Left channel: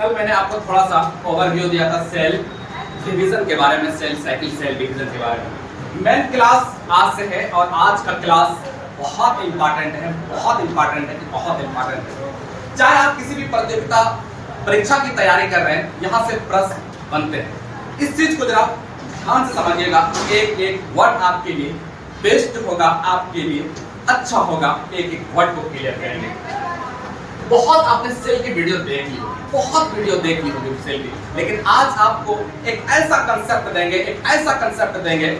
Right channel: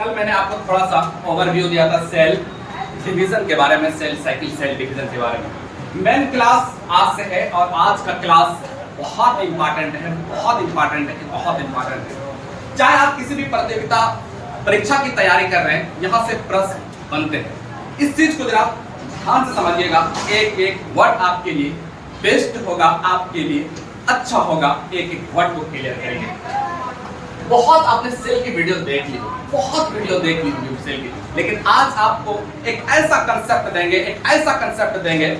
कल मैंने आपको थोड़ा सा ओवरव्यू दिया था सेल डिवीजन के बारे में, सेल साइकिल सेल डिवीजन के बारे में। मेन क्लास आज से है और आज का क्लास बहुत इंपॉर्टेंट है, बहुत इंपॉर्टेंट है, बहुत इंपॉर्टेंट है। चाहे आप किसी भी प्रतियोगिता परीक्षा की तैयारी कर रहे हैं, यहाँ से प्रश्न बनते हैं। इस चीज को जरा ध्यान से समझिएगा। एक एक वर्ड आपके लिए बेस्ट होगा, आपके लिए अच्छा होगा। एक एक वर्ड को क्लियर करेंगे। बहुत आपने सेल की वीडियो देख ली होगी, बहुत वीडियो देख ली होगी सेल की, लेकिन आज आपको एक ऐसा कंसेप्ट देंगे, एक ऐसा कंसेप्ट देंगे,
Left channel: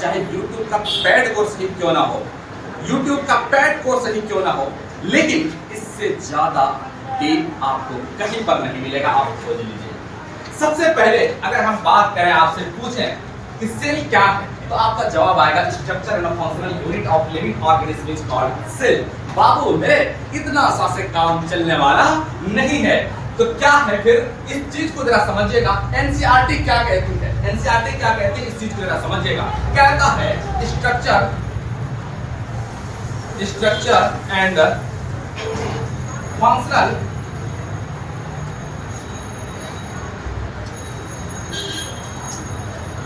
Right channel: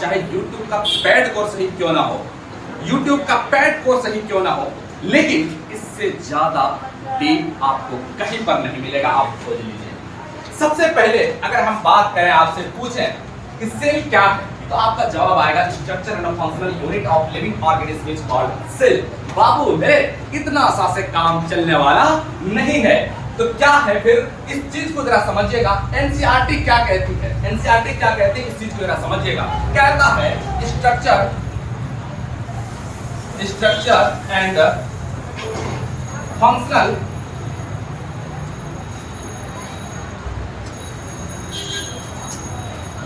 चाहे YouTube का पेड कोर्स ही क्यों ना हो, YouTube का पेड कोर्स ही क्यों ना हो, लेकिन इससे ज्यादा डीप आपको कहीं पर नहीं मिलेगा। आप खोज लीजिए। सबसे पहले अगर हम बात करें, आपसे पूछें कि सेल क्या है, तो आपका जवाब आएगा structure and functional unit of living organism is called cell. बाबू मेरे इतना सा से काम चलने वाला नहीं है। तो क्या है फिर, इस चीज को जरा समझिएगा। एनसीईआरटी क्या कहती है, एनसीईआरटी क्या कहती है, इस चीज को जरा समझिएगा। कहता है structure and functional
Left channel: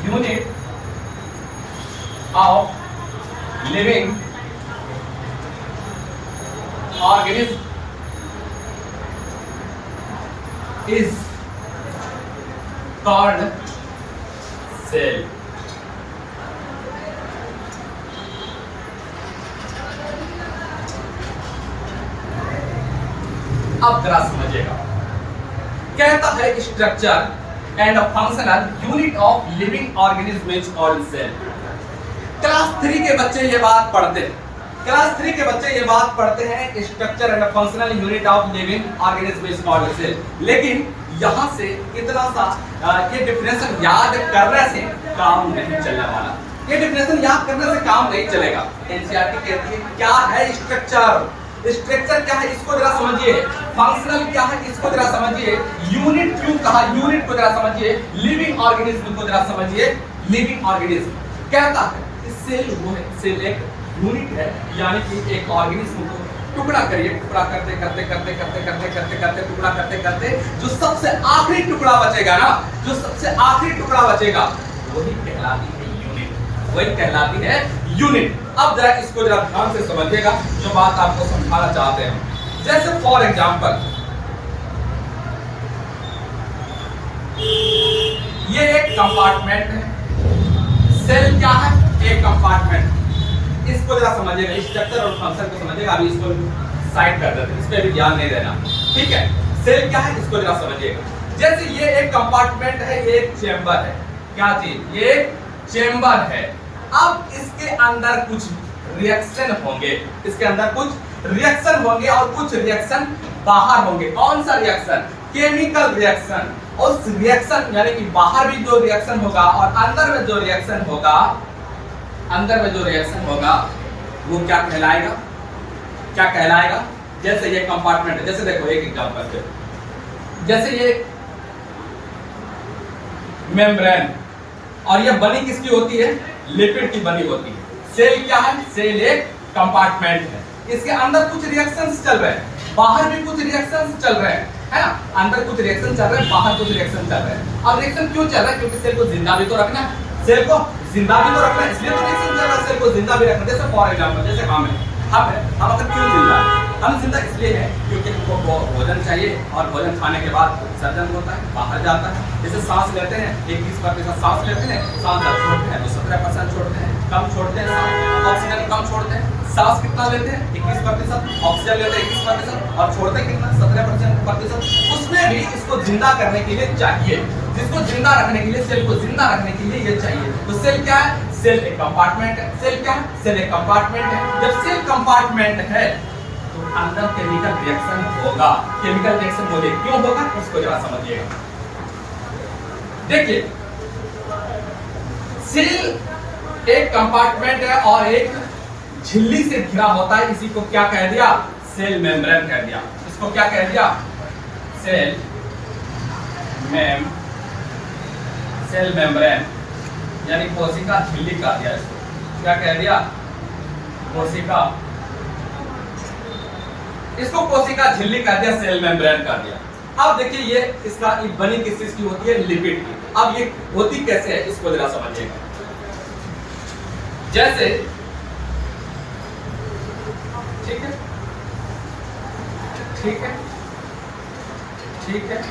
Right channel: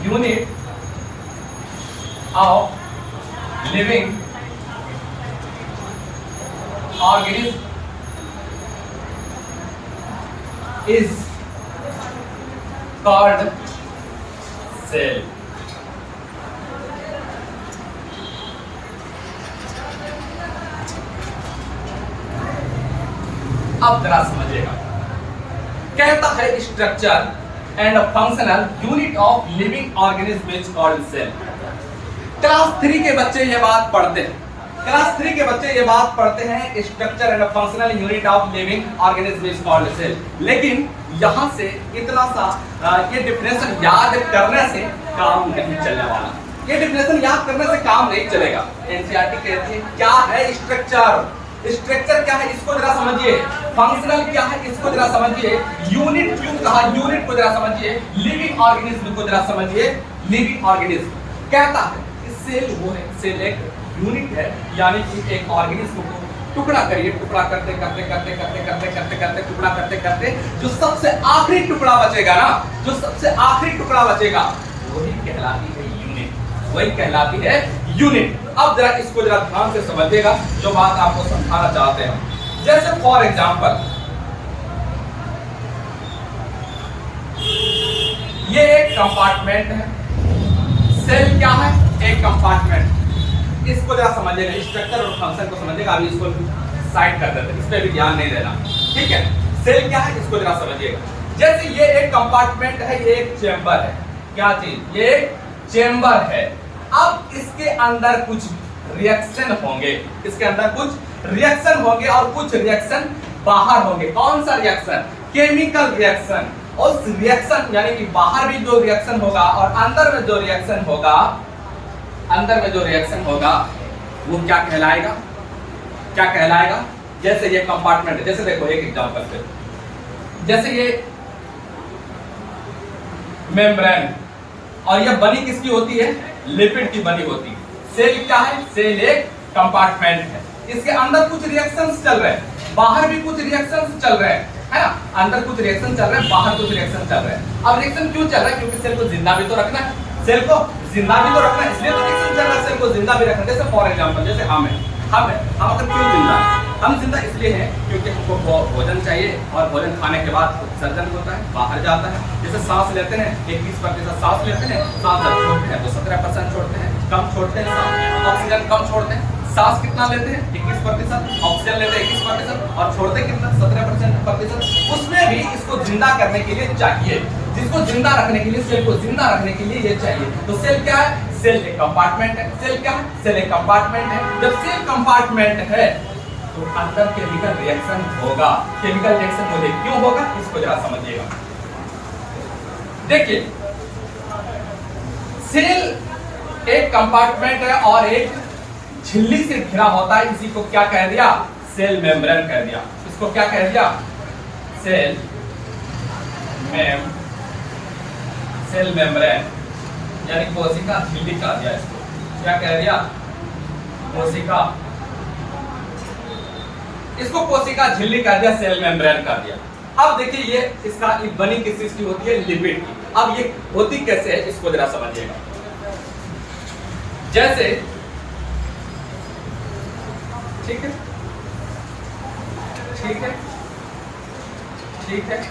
unit of living organism is called cell। अब जरा समझिएगा। कहता है structure and functional unit of living organism is called cell. Class 3 के बच्चे ये बात पढ़ते हैं, क्लास 3 के बच्चे ये बात पढ़ते हैं structure and functional unit of living organism is called cell. लेकिन यहां से इतना सा ये डिफिनेशन याद करने से काम नहीं चलने वाला। ये डिफिनेशन याद करने से काम नहीं चलेगा। एनसीईआरटी कहती है क्या है स्ट्रक्चर, स्ट्रक्चर क्या है इसको जरा समझिए। फंक्शनल क्या है इसको जरा समझिए। यूनिट क्यों कहा, यूनिट को जरा समझिए। लिविंग ऑर्गेनिज्म को जरा समझिए। लिविंग ऑर्गेनिज्म कहता है सेल वो है, सेल एक यूनिट है, यानी कि एक ऑर्गेनिज्म को टुकड़ा करिए, टुकड़ा करते करते करते करते करते करते करते टुकड़ा करते करते जो सबसे आखिरी टुकड़ा बचेगा ना, जो सबसे आखिरी टुकड़ा बचेगा वही कहलाती है यूनिट, वही कहलाती है यूनिट। अब जरा इसको जरा ध्यान से समझिएगा, जो बात आपको समझाना चाहते हैं। जैसे फॉर एग्जांपल ये एक कंपार्टमेंट है। सेल क्या है, एक कंपार्टमेंट। इसको जरा समझिएगा, स्ट्रक्चर और फंक्शन को समझिएगा। अभी इसको साइड कर देते हैं, इस पे भी ध्यान नहीं देना, ठीक है। सेल क्या है इसको जरा समझिएगा। जैसे ये एक कंपार्टमेंट है, ये एक चेंबर है। क्या चीज, ये एक चेंबर है। अब इसके अंदर कुछ रिएक्शन होंगे, इसके अंदर कुछ रिएक्शन होंगे और कुछ रिएक्शन बाहर होंगे। कौन सा रिएक्शन, केमिकल रिएक्शन। उस रिएक्शन यानी कि बाहर भी जो रिएक्शन होगा और अंदर में जो रिएक्शन होगा, अंदर में जो रिएक्शन होगा वो क्या कहलाएगा, क्या कहलाएगा। जैसे ये कंपार्टमेंट है, जैसे देखो एक एग्जांपल है, जैसे ये मेम्ब्रेन, और ये बनी किसकी होती है, लिपिड की बनी होती है। सेल क्या है, सेल एक कंपार्टमेंट है। इसके अंदर कुछ रिएक्शंस चल रहे हैं, बाहर भी कुछ रिएक्शंस चल रहे हैं, है ना। अंदर कुछ रिएक्शन चल रहे हैं, बाहर कुछ रिएक्शन चल रहे हैं। अब रिएक्शन क्यों चल रहा है, क्योंकि सेल को जिंदा भी तो रखना है, सेल को जिंदा भी तो रखना है, इसलिए तो रिएक्शन चल रहा है, सेल को जिंदा भी रखना है। जैसे फॉर एग्जांपल जैसे हम अगर क्यों जिंदा है, हम जिंदा इसलिए हैं क्योंकि हमको भोजन चाहिए और भोजन खाने के बाद उत्सर्जन होता है, बाहर जाता है। जैसे सांस लेते हैं, 21% सांस लेते हैं, सांस जब छोड़ते हैं तो 17% छोड़ते हैं, कम छोड़ते हैं सांस, ऑक्सीजन कम छोड़ते हैं। सांस कितना लेते हैं, 21%, ऑक्सीजन लेते हैं 21% और छोड़ते कितना, 17%। उसमें भी इसको जिंदा करने के लिए चाहिए, जिसको जिंदा रखने के लिए, सेल को जिंदा रखने के लिए ये चाहिए। तो सेल क्या है, सेल एक कंपार्टमेंट है। सेल क्या है, सेल एक कंपार्टमेंट है। जब सेल कंपार्टमेंट है तो अंदर केमिकल रिएक्शन होगा। केमिकल रिएक्शन मुझे क्यों होगा, इसको जरा समझिएगा। देखिए सेल एक कंपार्टमेंट है और एक झिल्ली से घिरा होता है। इसी को क्या कह दिया, सेल मेम्ब्रेन कह दिया। इसको क्या कह दिया, सेल मेम्ब्रेन यानी कोशिका झिल्ली कह दिया। इसको क्या कह दिया, कोशिका, इसको कोशिका झिल्ली कह दिया, सेल मेम्ब्रेन कह दिया। अब देखिए ये इसका बनी किस चीज की होती है, लिपिड की। अब ये होती कैसे है इसको जरा समझिएगा। जैसे ठीक है, ठीक है, ठीक है,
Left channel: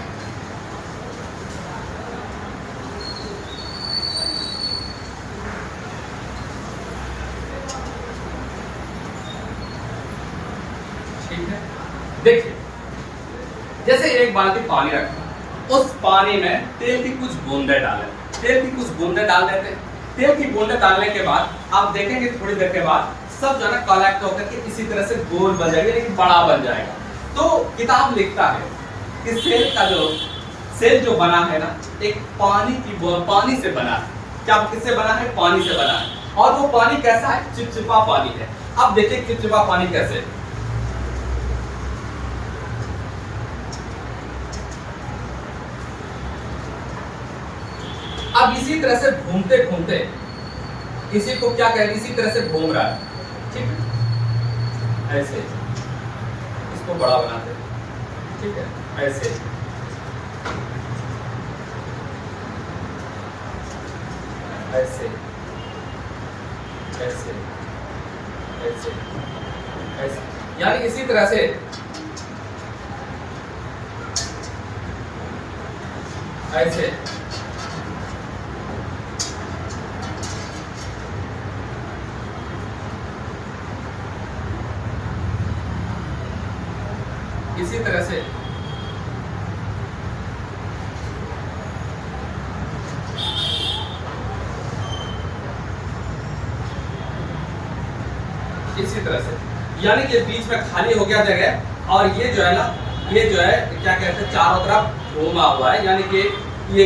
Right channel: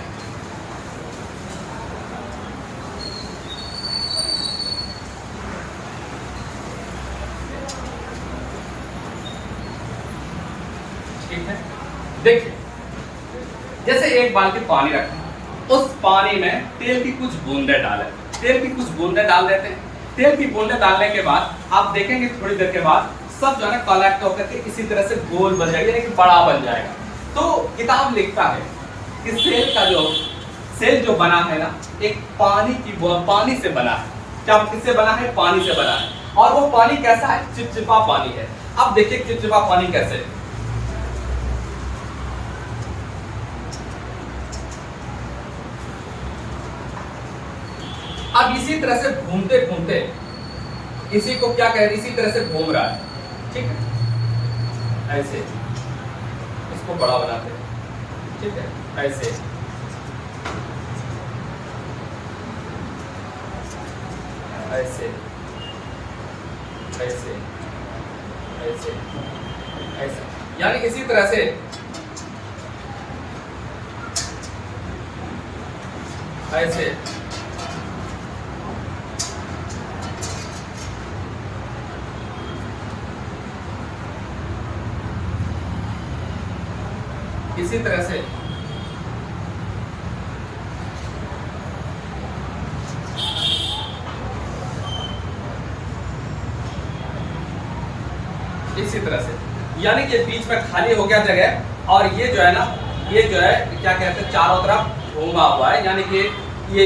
ठीक है। देखिए जैसे एक बाल्टी पानी रखें, उस पानी में तेल की कुछ बूंदे डालें, तेल की कुछ बूंदे डाल देते हैं। तेल की बूंदे डालने के बाद आप देखेंगे थोड़ी देर के बाद सब जो है ना कलेक्ट होकर के इसी तरह से गोल बन जाएगा, एक बड़ा बन जाएगा। तो किताब लिखता है कि सेल जो बना है ना, एक पानी से बना है। क्या किससे बना है? पानी से बना है। और वो पानी कैसा है? चिपचिपा पानी है। अब देखिए चिपचिपा पानी कैसे, अब इसी तरह से घूमते घूमते इसी को क्या कहते हैं, इसी तरह से घूम रहा है, ठीक है, ऐसे इसको बड़ा बनाते हैं, ठीक है, ऐसे ऐसे ऐसे ऐसे ऐसे, यानी इसी तरह से ऐसे इसी तरह से इसी तरह से, यानी कि बीच में खाली हो गया जगह, और ये जो है ना, ये जो है क्या कहते हैं, चारों तरफ घूमा हुआ है। यानी कि ये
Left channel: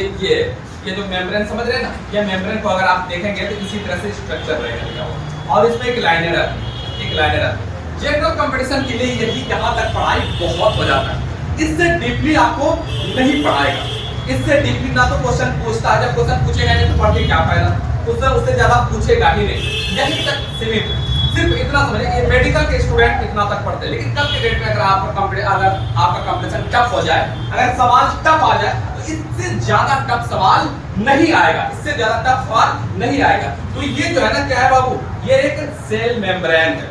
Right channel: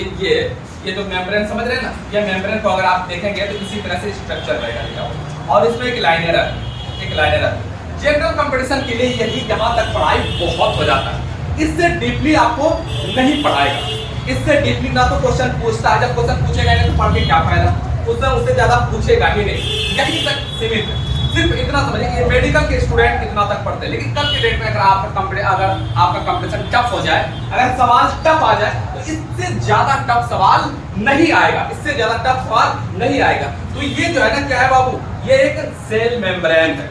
जो मेम्ब्रेन समझ रहे हैं ना, ये मेम्ब्रेन को अगर आप देखेंगे तो इसी तरह से स्ट्रक्चर रहेगा लिखा हुआ, और इसमें एक लाइनर आती है, एक लाइनर आती है। जनरल कंपटीशन के लिए यही यहाँ तक पढ़ाई बहुत हो जाता है, इससे डीपली आपको नहीं पढ़ाएगा, इससे डीपली ना तो क्वेश्चन पूछता है, जब क्वेश्चन पूछेगा नहीं तो पढ़ के क्या फायदा, क्वेश्चन उससे ज्यादा पूछेगा ही नहीं। यही तक सीमित, सिर्फ इतना समझिए, ये मेडिकल के स्टूडेंट इतना तक पढ़ते हैं। लेकिन कल के डेट में अगर आपका कंपटीशन टफ हो जाए, अगर सवाल टफ आ जाए, तो इससे ज्यादा टफ सवाल नहीं आएगा, इससे ज्यादा टफ सवाल नहीं आएगा। तो ये जो है ना, क्या है बाबू, ये एक सेल मेम्ब्रेन है,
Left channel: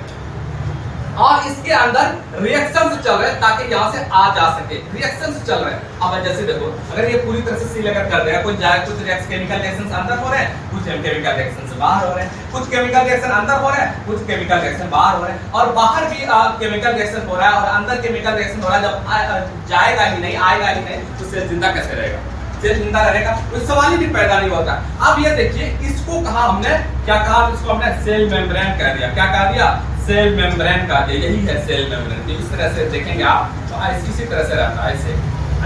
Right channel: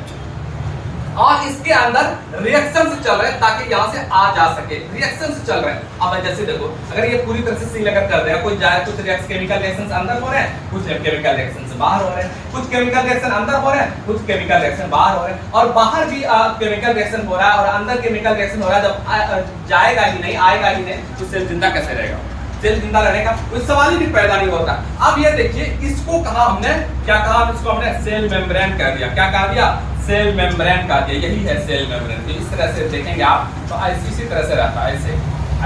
और इसके अंदर रिएक्शन चल रहे हैं ताकि यहां से आ जा सके, रिएक्शन चल रहे हैं। अब जैसे देखो, अगर ये पूरी तरह से सील अगर कर देगा, कोई जाए, कुछ केमिकल रिएक्शन अंदर हो रहे हैं, कुछ केमिकल रिएक्शन बाहर हो रहे हैं, कुछ केमिकल रिएक्शन अंदर हो रहे हैं, कुछ केमिकल रिएक्शन बाहर हो रहे हैं, और बाहर भी केमिकल रिएक्शन हो रहा है और अंदर केमिकल रिएक्शन हो रहा है। जब जाएगा ही नहीं, आएगा ही नहीं, तो सेल जिंदा कैसे रहेगा? सेल जिंदा रहने का कोई सवाल ही पैदा नहीं होता। अब ये देखिए, इसको कहा हमने, क्या कहा इसको हमने, सेल मेम्ब्रेन कह दिया। क्या कह दिया? सेल मेम्ब्रेन कह दिया। यही है सेल मेम्ब्रेन। तो इस तरह से देखेंगे आप तो इसी तरह से रहता है, ऐसे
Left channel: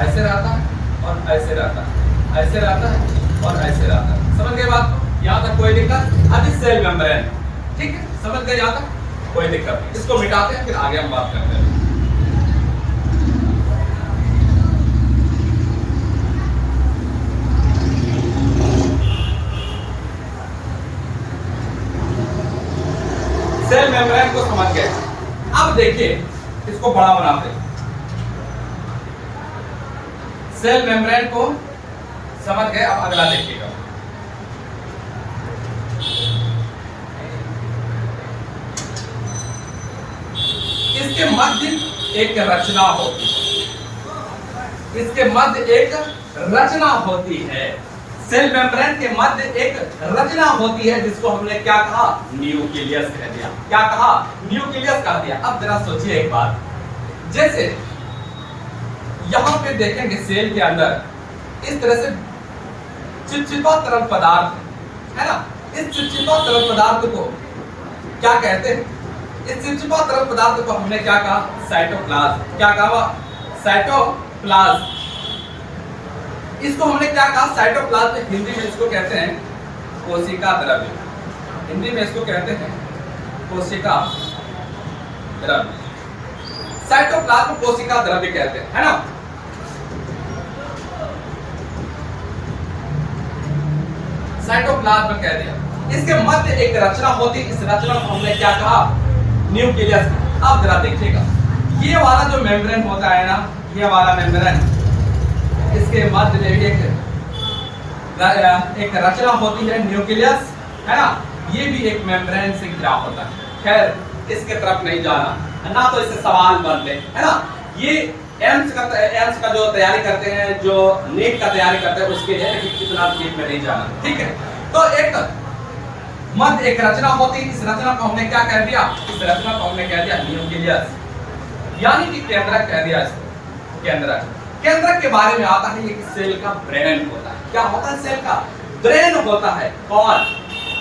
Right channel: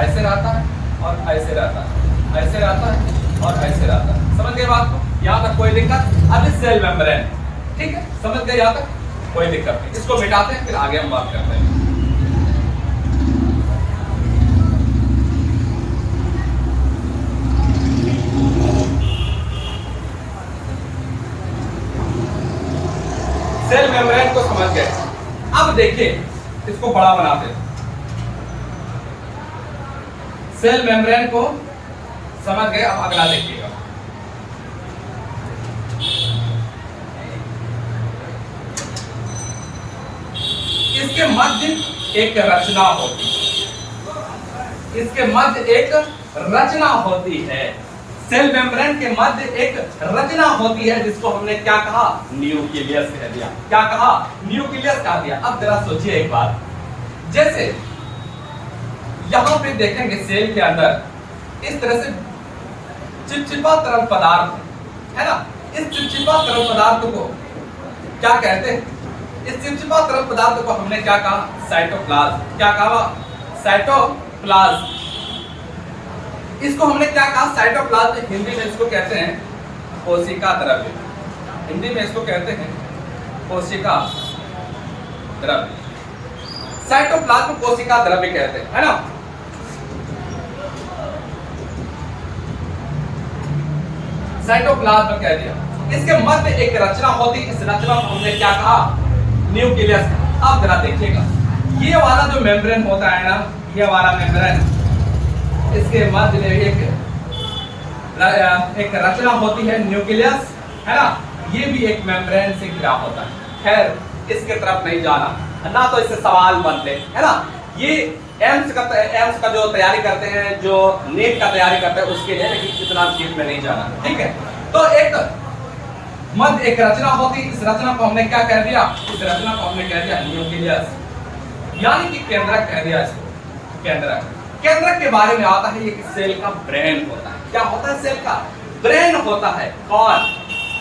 ऐसे रहता है और ऐसे रहता है, ऐसे रहता है और ऐसे रहता है। समझ गए बात को? यहाँ तक कोई दिक्कत? अब सेल मेम्ब्रेन, ठीक है, समझ गए यहाँ तक? कोई दिक्कत नहीं। इसको मिटाते हैं, फिर आगे हम बात करते हैं। सेल मेम्ब्रेन को समझ गए। अब देखिए इसको बड़ा बनाते हैं। सेल मेम्ब्रेन को समझ गए, अब अगला देखिएगा। इसके मध्य एक रचना होती है, इसके मध्य एक रचना होती है। सेल मेम्ब्रेन के मध्य एक रचना होती है, जिसको हमने क्या कहा? न्यूक्लियस कह दिया। क्या कहा? न्यूक्लियस कह दिया। अब जरा सोचिए एक बात, जैसे यहां पे देखेंगे सेल के अंदर इस तरह से चिपचिपा तरल पदार्थ है ना, इस चिपचिपा तरल पदार्थ को क्या कहते हैं? इस चिपचिपा तरल पदार्थ को हमने क्या कहा? साइटोप्लाज्म। क्या कहा? साइटोप्लाज्म। इसको हमने क्या कहा? साइटोप्लाज्म। हिंदी में इसको कहते हैं कोशिका द्रव्य, हिंदी में इसको कहते हैं कोशिका द्रव्य। साइटोप्लाज्म कोशिका द्रव्य कहते हैं, है ना। साइटोप्लाज्म कह दिया। इसके मध्य एक रचना होती, इस रचना को हमने क्या कहा? न्यूक्लियस। अब जरा देखिएगा, ये वाला जो मेम्ब्रेन होता है ना, ये वाला मेम्ब्रेन, इसके मध्य में भी एक रचना होती है न्यूक्लियस, है ना, ये भी एक मेम्ब्रेन से घिरा होता है। खैर इसके तरफ नहीं जाना, ना तो इससे सवाल बनते, है ना। ये एम्स का जो तैयारी करते हैं, जो नीट का तैयारी करते हैं उसके लिए, लेकिन इतना डीप में नहीं जाना, ठीक है। तो एक मध्य एक रचना होती है, इस रचना को हमने क्या कह दिया, इस रचना को हमने कह दिया न्यूक्लियस, यानी कि केंद्रक कह दिया इसको, केंद्रक। केंद्रक के बारे में आता है, ये सेल का ब्रेन होता है। क्या होता है? सेल का ब्रेन होता है। कौन?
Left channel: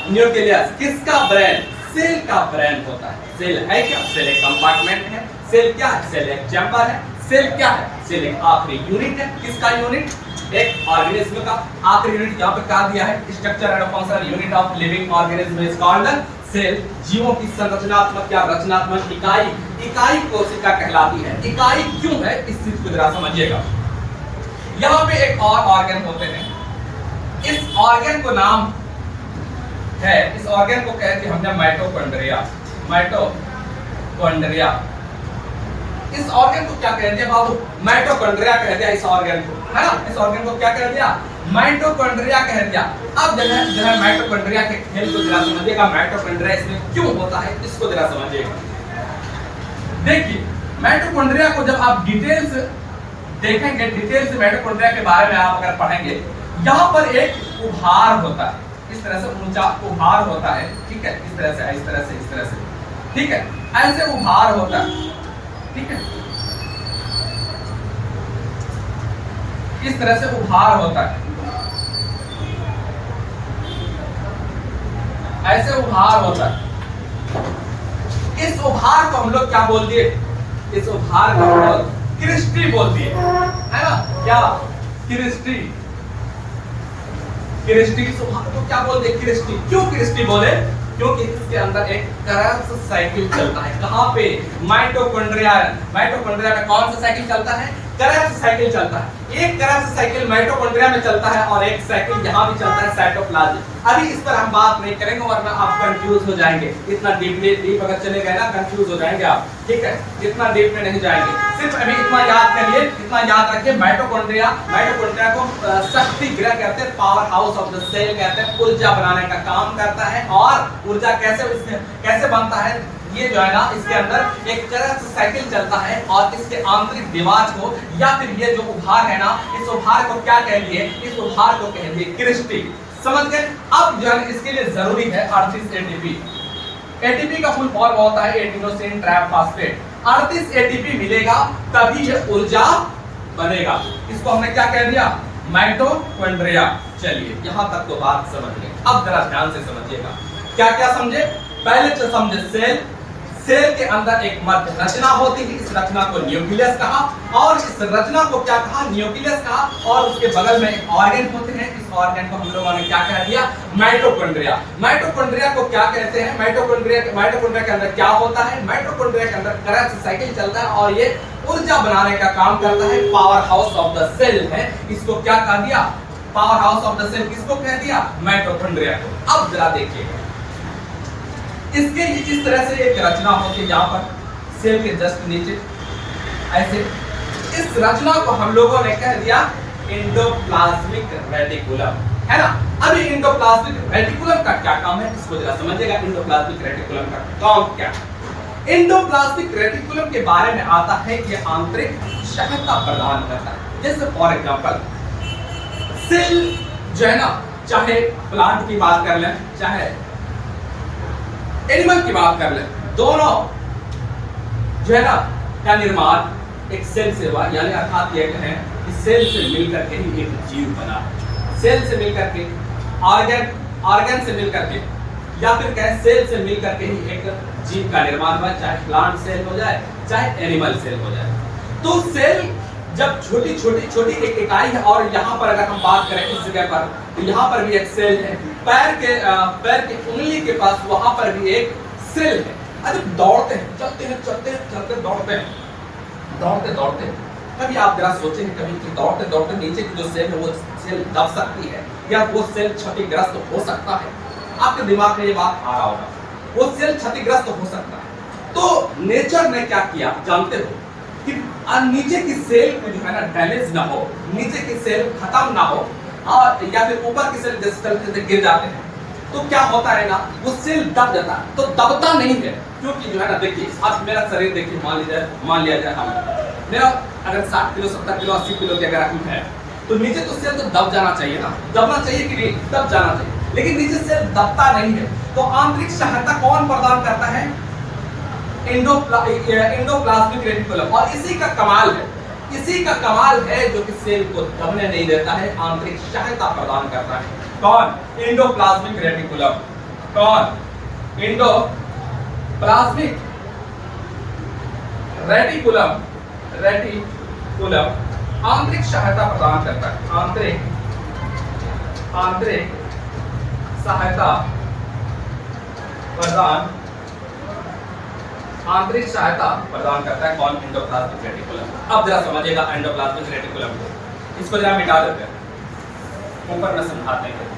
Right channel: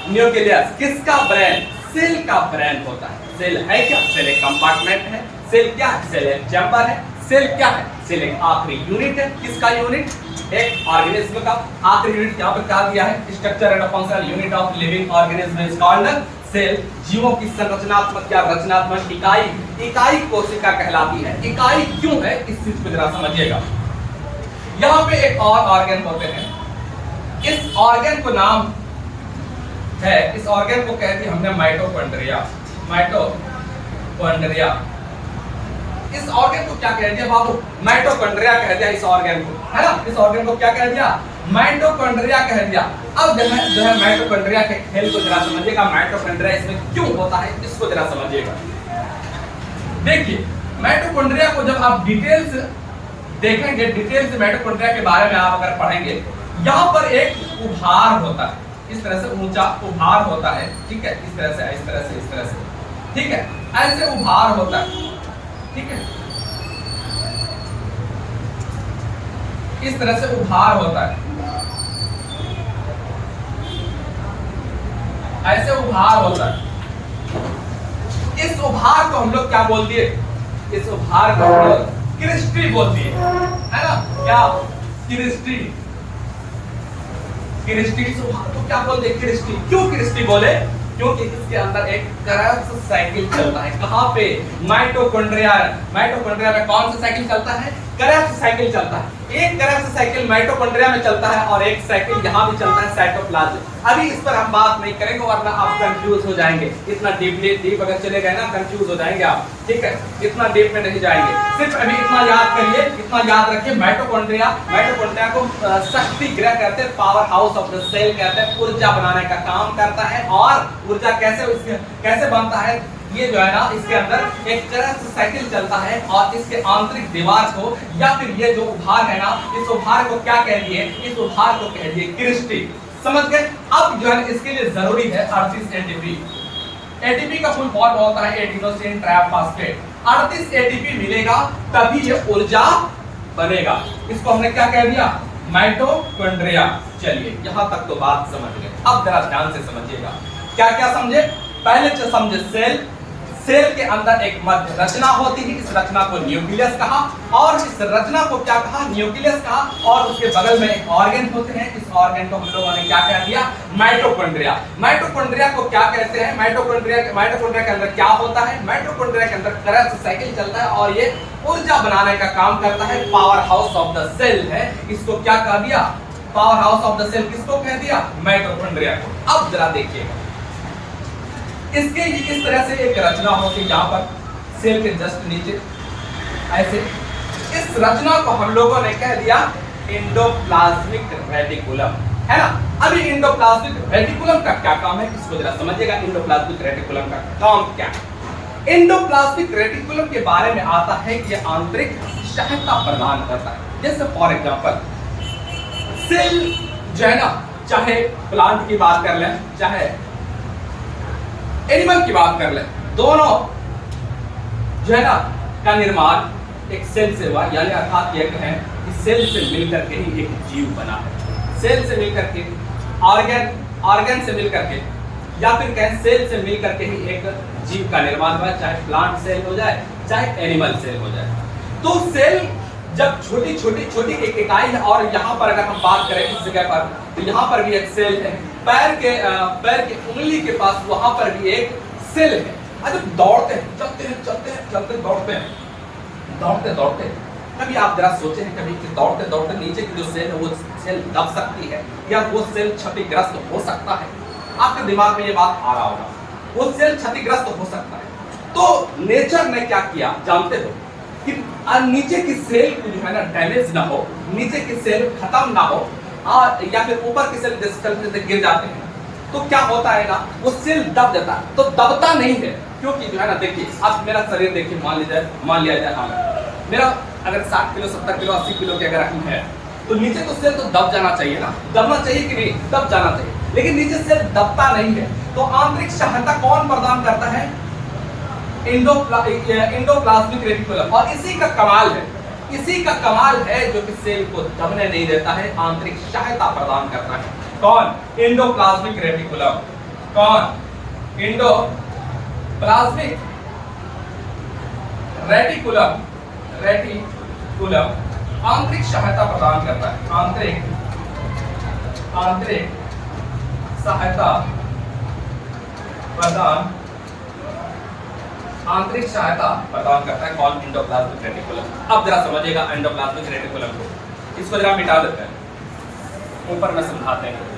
न्यूक्लियस। किसका ब्रेन? सेल का ब्रेन होता है। सेल है क्या? सेल एक कंपार्टमेंट है। सेल क्या है? सेल एक चैम्बर है। सेल क्या है? सेल एक आखिरी यूनिट है। किसका यूनिट? एक ऑर्गेनिज्म का आखिरी यूनिट। यहाँ पे कहा दिया है structure and functional unit of living organism is called cell. जीवों की संरचनात्मक या रचनात्मक इकाई कोशिका कहलाती है। इकाई क्यों है, इस चीज को जरा समझिएगा। यहाँ पे एक और ऑर्गन होते हैं, इस ऑर्गन को नाम है, इस ऑर्गन को कहते हैं हमने माइटोकॉन्ड्रिया। माइटोकॉन्ड्रिया, इस ऑर्गन को क्या कह दिया बाबू? माइटोकॉन्ड्रिया कह दिया इस ऑर्गन को, है ना। इस ऑर्गन को क्या कह दिया? माइटोकॉन्ड्रिया कह दिया। अब जो है माइटोकॉन्ड्रिया के खेल को जरा समझिएगा। माइटोकॉन्ड्रिया इसमें क्यों होता है, इसको जरा समझिएगा। देखिए, माइटोकॉन्ड्रिया को जब आप डिटेल्स देखेंगे, डिटेल्स माइटोकॉन्ड्रिया के बारे में आप अगर पढ़ेंगे, यहाँ पर एक उभार होता है, इस तरह से ऊंचा उभार होता है, ठीक है। इस तरह से, इस तरह से, इस तरह से, ठीक है। ऐसे उभार होता है, ठीक है। इस तरह से उभार होता है, ऐसे उभार होता है। इस उभार को हम लोग क्या बोल दिए? इस उभार को हम लोग क्रिस्टी बोल दिए, है ना। क्या? क्रिस्टी। क्रिस्टी इस उभार को क्या बोल दिए? क्रिस्टी। क्यों क्रिस्टी बोले? क्योंकि इसके अंदर एक क्रेब्स साइकिल चलता है। कहां पे? माइटोकॉन्ड्रिया। माइटोकॉन्ड्रिया में कौन सा साइकिल चलता है? क्रेब्स साइकिल चलता है। एक क्रेब्स साइकिल माइटोकॉन्ड्रिया में चलता है और एक साइकिल यहां भी चलता है, साइटोप्लाज्म। अभी इस पर हम बात नहीं करेंगे वरना आप कंफ्यूज हो जाएंगे। इतना डीप अगर चले गए ना, कंफ्यूज हो जाएंगे आप, ठीक है। इतना डीप में नहीं जाएंगे, सिर्फ अभी इतना याद करिए, इतना याद रखिए। माइटोकॉन्ड्रिया को शक्ति गृह कहते हैं, power house of the cell कहते हैं। ऊर्जा बनाने का काम करता है। और ऊर्जा कैसे बनता है? ये जो है ना, इसके अंदर एक क्रेब्स साइकिल चलता है और इसके आंतरिक दीवार को, या फिर ये जो उभार है ना, इस उभार को क्या कह दिए? इस उभार को कह दिए क्रिस्टी। समझ गए? अब जो है इसके लिए जरूरी है 38 एटीपी। एटीपी का फुल फॉर्म होता है एडिनोसिन ट्राइफॉस्फेट। 38 एटीपी मिलेगा तभी ये ऊर्जा बनेगा। इसको हमने क्या कह दिया? माइटोकॉन्ड्रिया। चलिए यहां तक तो बात समझ गए। अब जरा ध्यान से समझिएगा। क्या क्या समझे? पहले तो समझे सेल। सेल के अंदर एक मध्य रचना होती है, इस रचना को न्यूक्लियस कहा। और इस रचना को क्या कहा? न्यूक्लियस कहा। और उसके बगल में एक ऑर्गन होते हैं, इस ऑर्गन को हम लोगों ने क्या कह दिया? माइटोकॉन्ड्रिया। माइटोकॉन्ड्रिया को क्या कहते हैं? माइटोकॉन्ड्रिया के अंदर क्या होता है? माइटोकॉन्ड्रिया के अंदर क्रेब्स साइकिल चलता है और ये ऊर्जा बनाने का काम करता है। Power house of the cell है, इसको क्या कह दिया? Power house of the cell किसको कह दिया? माइटोकॉन्ड्रिया को। अब जरा देखिएगा, इसके इस तरह से एक रचना होती है, यहाँ पर सेल के जस्ट नीचे ऐसे। इस रचना को हम लोगों ने कह दिया एंडोप्लाज्मिक रेटिकुलम, है ना। अभी एंडोप्लाज्मिक रेटिकुलम का क्या काम है, इसको जरा समझिएगा। एंडोप्लाज्मिक रेटिकुलम का काम क्या है? एंडोप्लाज्मिक रेटिकुलम के बारे में आता है कि यह आंतरिक सहायता प्रदान करता है। जैसे फॉर एग्जांपल सेल जो है ना, चाहे प्लांट की बात कर लें, चाहे एनिमल की बात कर ले, दोनों जो है ना का निर्माण एक सेल से हुआ। यानी अर्थात ये कहें कि सेल से मिलकर के ही एक जीव बना है। सेल से मिलकर के, ऑर्गन से मिलकर के, या फिर कहें सेल से मिलकर के ही एक जीव का निर्माण हुआ, चाहे प्लांट सेल हो जाए, चाहे एनिमल सेल हो जाए। तो सेल जब छोटी एक इकाई है। और यहाँ पर अगर हम बात करें इस जगह पर, तो यहाँ पर भी एक सेल है। पैर के उंगली के पास वहां पर भी एक सेल है। अरे दौड़ते हैं, चलते दौड़ते कभी आप जरा सोचे हैं कभी कि दौड़ते नीचे की जो सेल है वो सेल दब सकती है, या वो सेल क्षतिग्रस्त हो सकता है? आपके दिमाग में ये बात आ रहा होगा, वो सेल क्षतिग्रस्त हो सकता है। तो नेचर ने क्या किया जानते हो? कि नीचे की सेल को जो है ना डैमेज ना हो, नीचे की सेल खत्म ना हो, या फिर ऊपर की सेल जैसे गिर जाते हैं तो क्या होता है ना, वो सेल दब जाता है। तो दबता नहीं है क्योंकि जो है ना, देखिए अब मेरा शरीर देखिए, मान लिया जाए हमें मेरा अगर 60 किलो 70 किलो 80 किलो के अगर हम है तो नीचे तो सेल तो दब जाना चाहिए ना, दबना चाहिए कि नहीं, दब जाना चाहिए, लेकिन नीचे सेल दबता नहीं है। तो आंतरिक सहायता कौन प्रदान करता है? Endoplasmic reticulum. और इसी का कमाल है, इसी का कमाल है जो कि सेल को दबने नहीं देता है, आंतरिक सहायता प्रदान करता है। कौन? Endoplasmic reticulum. कौन? Endoplasmic reticulum. रेटिकुलम आंतरिक सहायता प्रदान करता है, आंतरिक सहायता प्रदान, आंतरिक सहायता प्रदान करता है। कौन? Endoplasmic reticulum. अब जरा समझिएगा एंडोप्लाज्मिक रेटिकुलम को, इसको जरा मिटा देते हैं, ऊपर में समझाते हैं।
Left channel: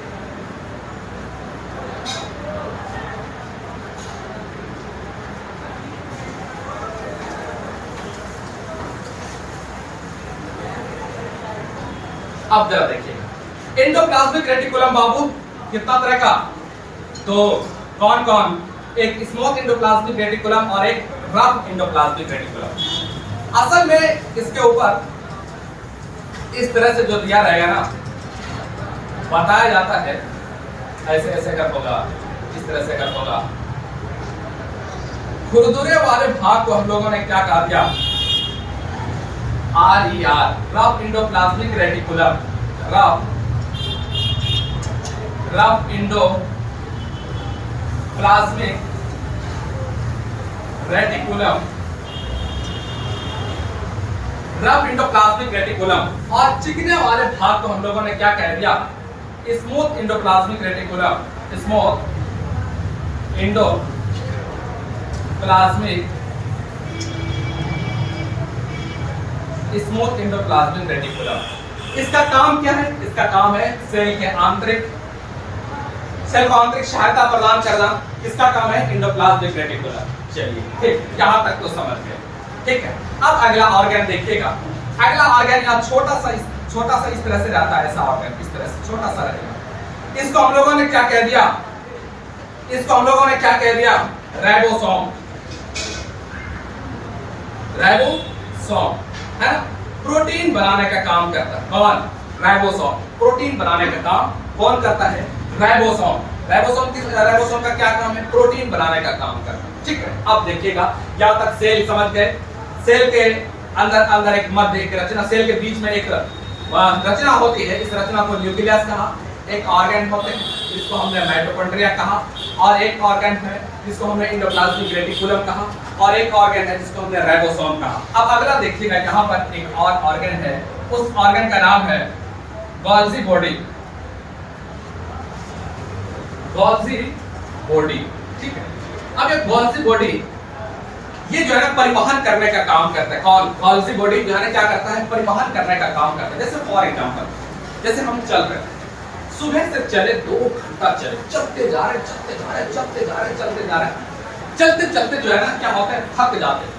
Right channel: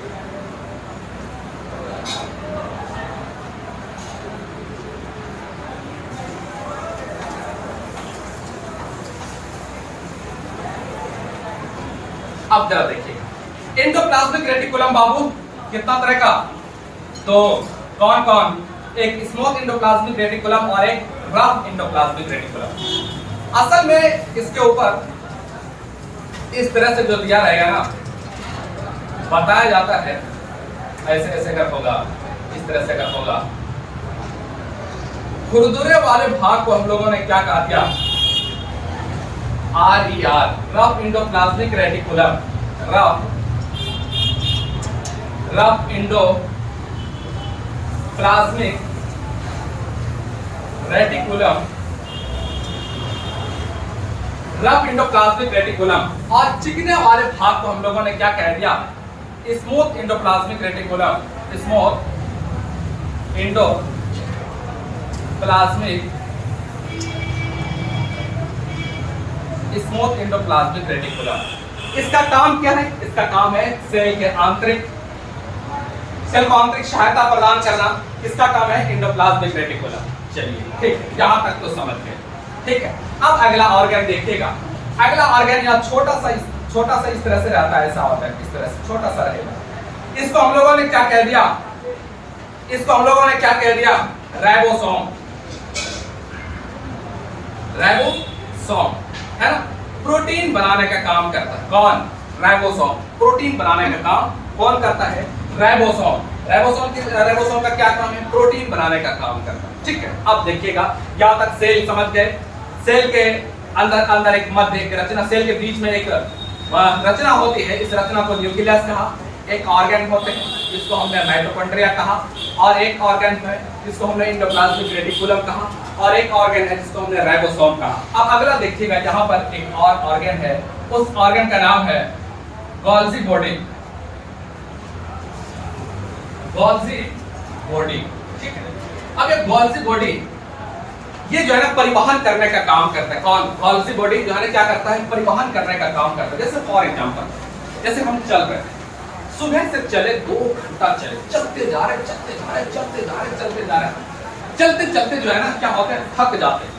अब जरा देखिएगा एंडोप्लाज्मिक रेटिकुलम बाबू कितना तरह का? तो कौन कौन? एक स्मॉल एंडोप्लाज्मिक रेटिकुलम और एक रफ एंडोप्लाज्मिक रेटिकुलम। असल में इसके ऊपर इस तरह से जो दिया रहेगा ना, बताया जाता है ऐसे ऐसे कर होगा, इस तरह से कर होगा। खुरदुरे वाले भाग को हम लोगों ने क्या कहा दिया? RER, rough endoplasmic reticulum. Rough endoplasmic reticulum, rough endoplasmic reticulum. और चिकने वाले भाग को हम लोगों ने क्या कह दिया? Smooth endoplasmic reticulum. Smooth endoplasmic smooth endoplasmic reticulum. इसका काम क्या है? इसका काम है सेल को आंतरिक सहायता प्रदान करना। इसका काम है एंडोप्लाज्मिक रेटिकुलम। चलिए ठीक, यहां तक तो समझ गए, ठीक है। अब अगला ऑर्गन देखिएगा। अगला ऑर्गन यहाँ छोटा सा इस तरह से रहता है, ऐसा ऑर्गन इस तरह से छोटा सा रहेगा। इसको हम लोगों ने क्या कह दिया? राइबोसोम। राइबोसोम है ना, प्रोटीन बनाने का काम करता है। कौन? राइबोसोम। प्रोटीन बनाने का काम कौन करता है? राइबोसोम। राइबोसोम का क्या काम है? प्रोटीन बनाने का काम करता है, ठीक है। अब देखिएगा, यहां तक सेल समझ गए। सेल के अंदर एक मध्य एक रचना, सेल के बीच में एक रचना होती है, इस रचना को न्यूक्लियस कहा। एक ऑर्गन होते हैं जिसको हमने माइटोकॉन्ड्रिया कहा, और एक ऑर्गन है जिसको हमने एंडोप्लाज्मिक रेटिकुलम कहा, और एक ऑर्गन है जिसको हमने राइबोसोम कहा। अब अगला देखिएगा, यहाँ पर एक और ऑर्गन है, उस ऑर्गन का नाम है गोल्जी बॉडी। गोल्जी बॉडी, ठीक है। अब ये गोल्जी बॉडी ये जो है ना परिवहन करने का काम करता है। कौन? गोल्जी बॉडी जो है ना क्या करता है? परिवहन करने का काम करता है। जैसे फॉर एग्जांपल, जैसे हम चल रहे हैं, सुबह से चले 2 घंटा चले, चलते जा रहे चलते चलते जो है ना क्या होता है? थक जाते हैं,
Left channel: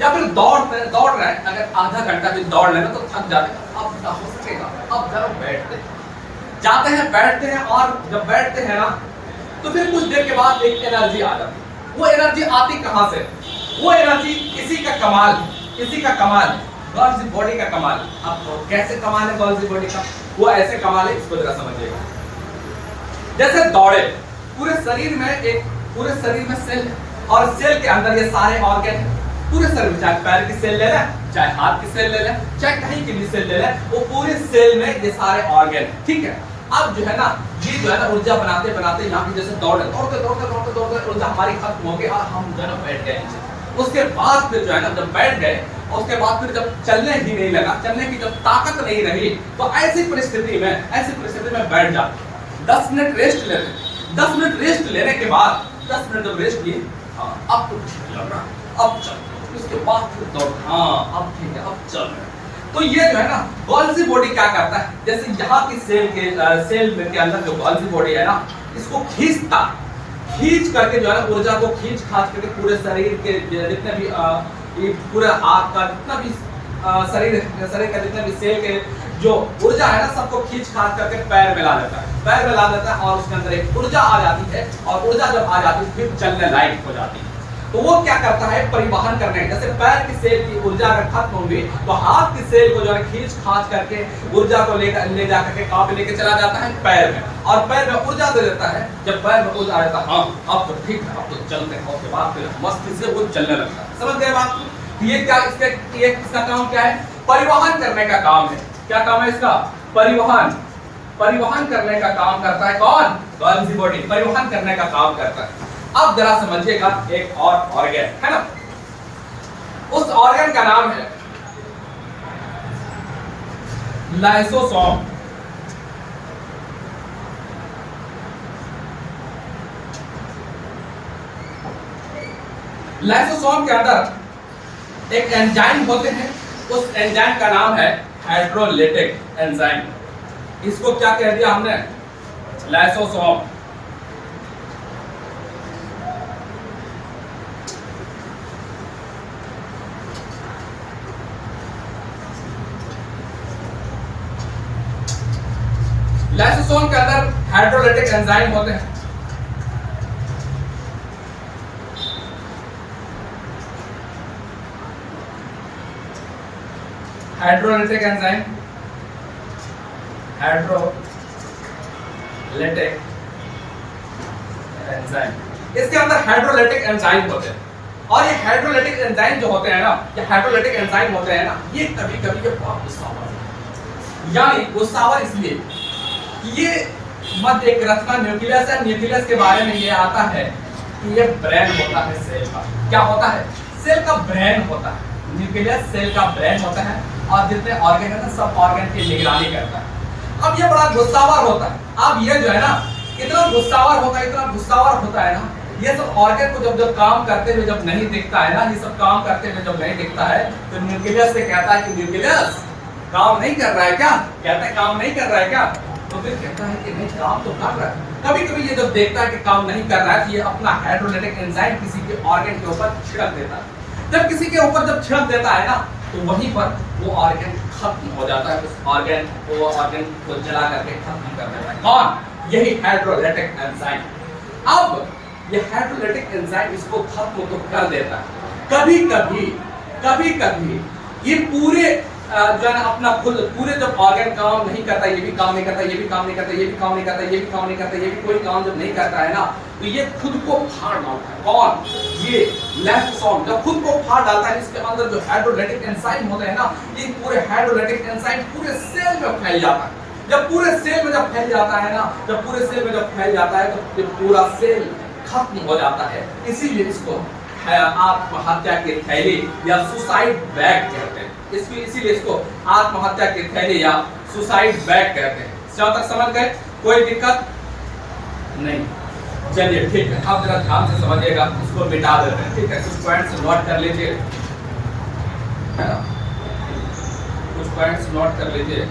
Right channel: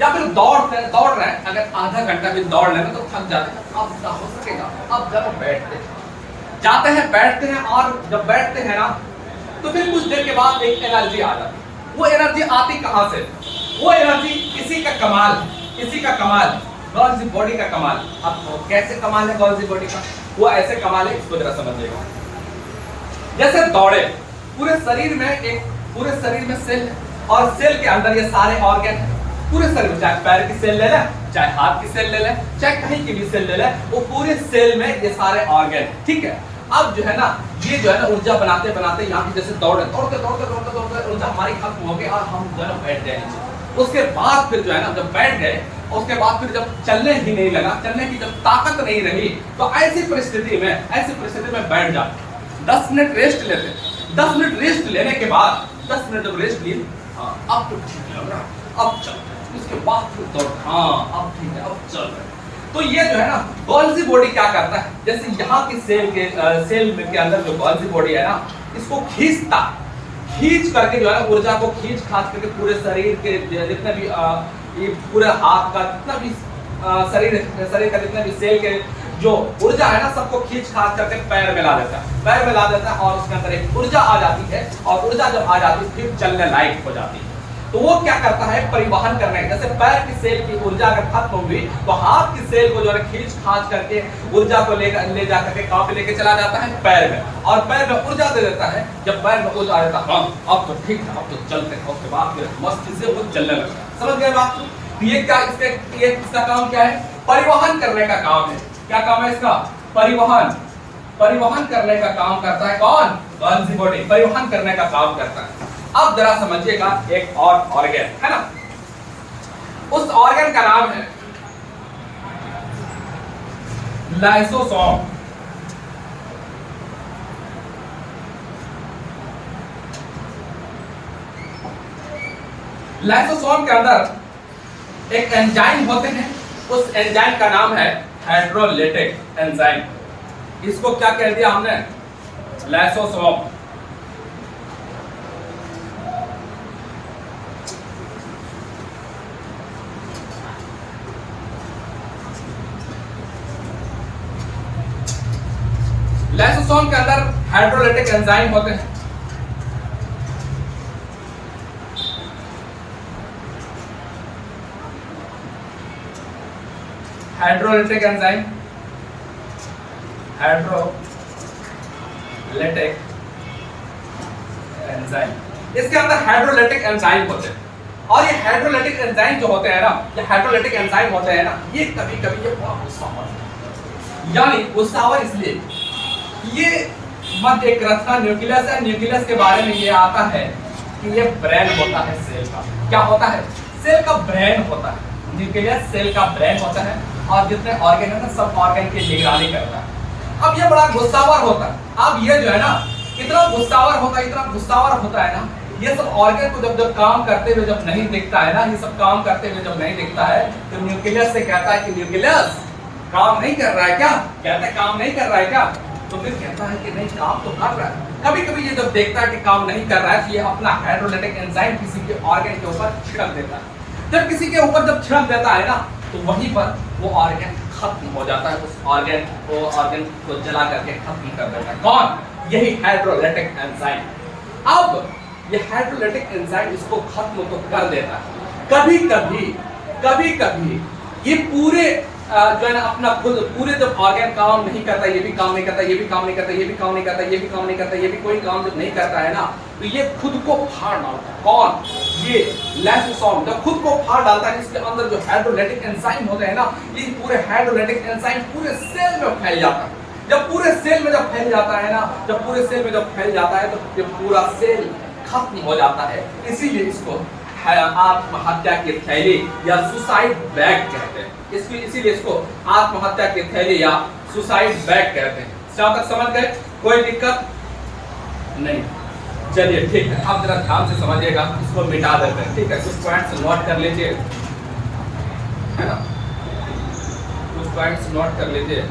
या फिर दौड़ रहे हैं, अगर आधा घंटा भी दौड़ लेना तो थक जाते हैं। अब ना हो सकेगा, अब जरा बैठते हैं, और जब बैठते हैं ना तो फिर कुछ देर के बाद एक एनर्जी आ जाती है। वो एनर्जी आती कहां से? वो एनर्जी इसी का कमाल है, गोल्जी बॉडी का कमाल। अब कैसे कमाल है गोल्जी बॉडी का? वो ऐसे कमाल है, इसको जरा समझिएगा। जैसे दौड़े, पूरे शरीर में सेल है, और सेल के अंदर ये सारे ऑर्गन है। पूरे शरीर में, चाहे पैर की सेल ले लें, चाहे हाथ की सेल ले लें, चाहे कहीं की भी सेल ले लें, वो पूरे सेल में ये सारे ऑर्गन है, ठीक है। अब जो है ना, ये जो है ना ऊर्जा बनाते यहाँ की जैसे दौड़ते ऊर्जा हमारी खत्म हो गई और हम जो है ना बैठ गए नीचे। उसके बाद फिर जो है ना जब बैठ गए, उसके बाद फिर जब चलने ही नहीं लगा, चलने की जब ताकत नहीं रही, तो ऐसी परिस्थिति में बैठ जाते। 10 मिनट रेस्ट लेते, 10 मिनट रेस्ट लेने के बाद 10 मिनट जब रेस्ट लिए, हाँ अब तो ठीक लग रहा है, अब चल। उसके बाद फिर दौड़, हाँ अब ठीक है, अब चल रहे। तो ये जो है ना गोल्जी बॉडी क्या करता है? जैसे यहाँ की सेल के अंदर जो गोल्जी बॉडी है ना, इसको खींच करके जो है ऊर्जा को खींच करके पूरे शरीर के जितने भी ये पूरे हाथ का जितना भी शरीर का जितने भी सेल के जो ऊर्जा है ना सबको खींच खास करके पैर में ला देता है, पैर में ला देता है और उसके अंदर एक ऊर्जा आ जाती है और ऊर्जा जब आ जाती है फिर चलने लायक हो जाती है। तो वो क्या करता है, परिवहन करने के, जैसे पैर की सेल की ऊर्जा अगर खत्म होगी तो हाथ की सेल को जो है खींच खांच करके ऊर्जा को ले जा करके कहाँ पे लेके चला जाता है, पैर में, और पैर में ऊर्जा दे देता है। जब पैर में ऊर्जा आता है, हाँ अब तो ठीक है, अब तो चलते हैं, उसके बाद फिर मस्ती से वो चलने लगता है। समझ गए बात? ये क्या, इसका काम क्या है, परिवहन करने का काम है। क्या काम है इसका, परिवहन करने का काम करता है कौन, कौन सी बॉडी परिवहन करने का काम करता है। अब जरा समझिएगा एक और ऑर्गन है ना, उस ऑर्गन का नाम है लाइसोसोम। लाइसोसोम के अंदर एक एंजाइम होते हैं, उस एंजाइम का नाम है हाइड्रोलाइटिक एंजाइम। इसको क्या कह दिया हमने, लाइसोसोम। लाइसोसोम के अंदर हाइड्रोलाइटिक एंजाइम होते हैं। हाइड्रोलाइटिक एंजाइम, हाइड्रोलाइटिक एंजाइम, इसके अंदर हाइड्रोलाइटिक एंजाइम होते हैं। और ये हाइड्रोलाइटिक एंजाइम जो होते हैं ना, ये हाइड्रोलाइटिक एंजाइम होते हैं ना, ये कभी कभी ये बहुत गुस्सावर होते हैं। यानी गुस्सावर इसलिए ये मध्य एक रचना न्यूक्लियस है, न्यूक्लियस के बारे में ये आता है कि ये ब्रेन होता है सेल का। क्या होता है, सेल का ब्रेन होता है, न्यूक्लियस सेल का ब्रेन होता है और जितने ऑर्गन है ना सब ऑर्गन की निगरानी करता है। अब ये बड़ा गुस्सावर होता है। अब ये जो है ना इतना गुस्सावर होता है, इतना गुस्सावर होता है ना, ये सब ऑर्गन को जब काम करते हुए जब नहीं दिखता है ना, ये सब काम करते हुए जब नहीं दिखता है तो न्यूक्लियस से कहता है कि न्यूक्लियस काम नहीं कर रहा है क्या, कहता है काम नहीं कर रहा है क्या, तो फिर कहता है कि नहीं काम तो कर रहा है। कभी कभी ये जब देखता है कि काम नहीं कर रहा है तो ये अपना हाइड्रोलाइटिक एंजाइम किसी के ऑर्गन के ऊपर छिड़क देता है। जब किसी के ऊपर जब छिड़क देता है ना तो वहीं पर वो ऑर्गन खत्म हो जाता है, उस ऑर्गन को जला करके खत्म कर देता है। कौन, यही हाइड्रोलाइटिक एंजाइम। अब ये हाइड्रोलाइटिक एंजाइम इसको खत्म तो कर देता है। कभी कभी ये पूरे जो है ना अपना खुद पूरे जब ऑर्गन काम नहीं करता, ये भी काम नहीं करता, ये भी काम नहीं करता, ये भी काम नहीं करता, ये भी काम नहीं करता, ये भी कोई काम जब नहीं करता है ना तो ये खुद को फाड़ डालता है। कौन, ये लाइसोसोम जब खुद को फाड़ डालता है, इसके अंदर जो हाइड्रोलाइटिक एंजाइम होते हैं ना, ये पूरे हाइड्रोलाइटिक एंजाइम पूरे सेल में फैल जाता है। जब पूरे सेल में जब फैल जाता है ना, जब पूरे सेल में जब फैल जाता है तो पूरा सेल खत्म हो जाता है। इसीलिए इसको आत्महत्या की थैली या सुसाइड बैग कहते हैं। इसीलिए इसको आत्महत्या की थैली या सुसाइड बैग कहते हैं। जहां तक समझ गए, कोई दिक्कत नहीं। चलिए ठीक है, आप जरा ध्यान से समझिएगा, इसको मिटा देते हैं। ठीक है, कुछ पॉइंट्स नोट कर लीजिए, है ना, कुछ पॉइंट्स नोट कर लीजिए।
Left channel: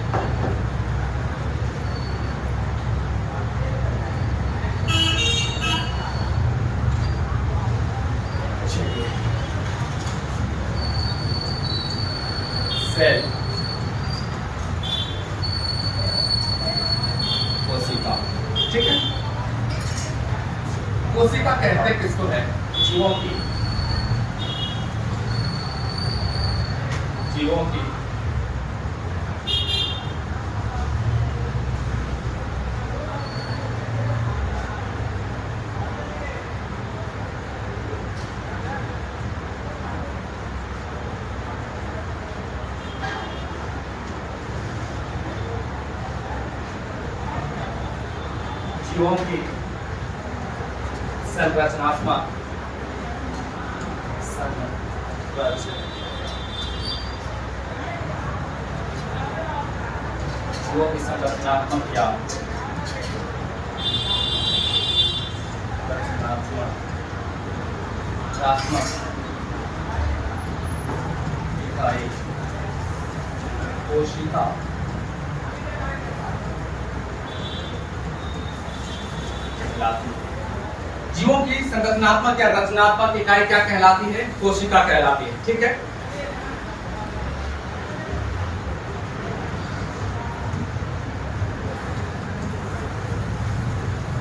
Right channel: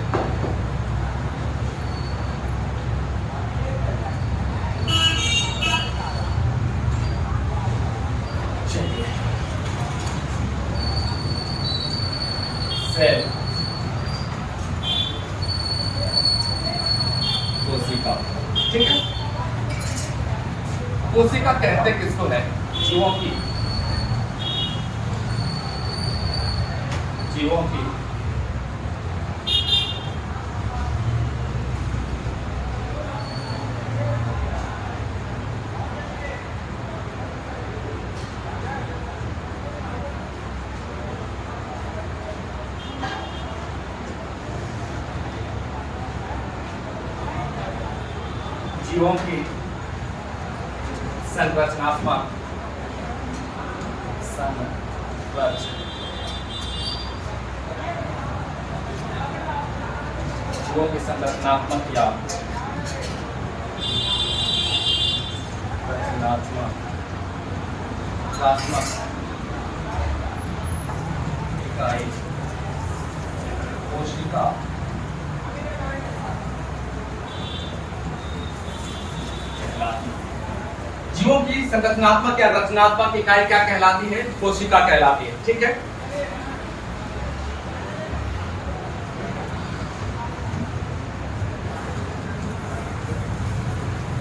सेल, कोशिका, ठीक है, कोशिका कहते किसको है, जीवों की संरचनात्मक जीवों की संरचनात्मक या रचनात्मक इकाई कोशिका कहलाती है। जीवों की संरचनात्मक या रचनात्मक इकाई क्या कहलाती है? कोशिका कहलाती है। ठीक है,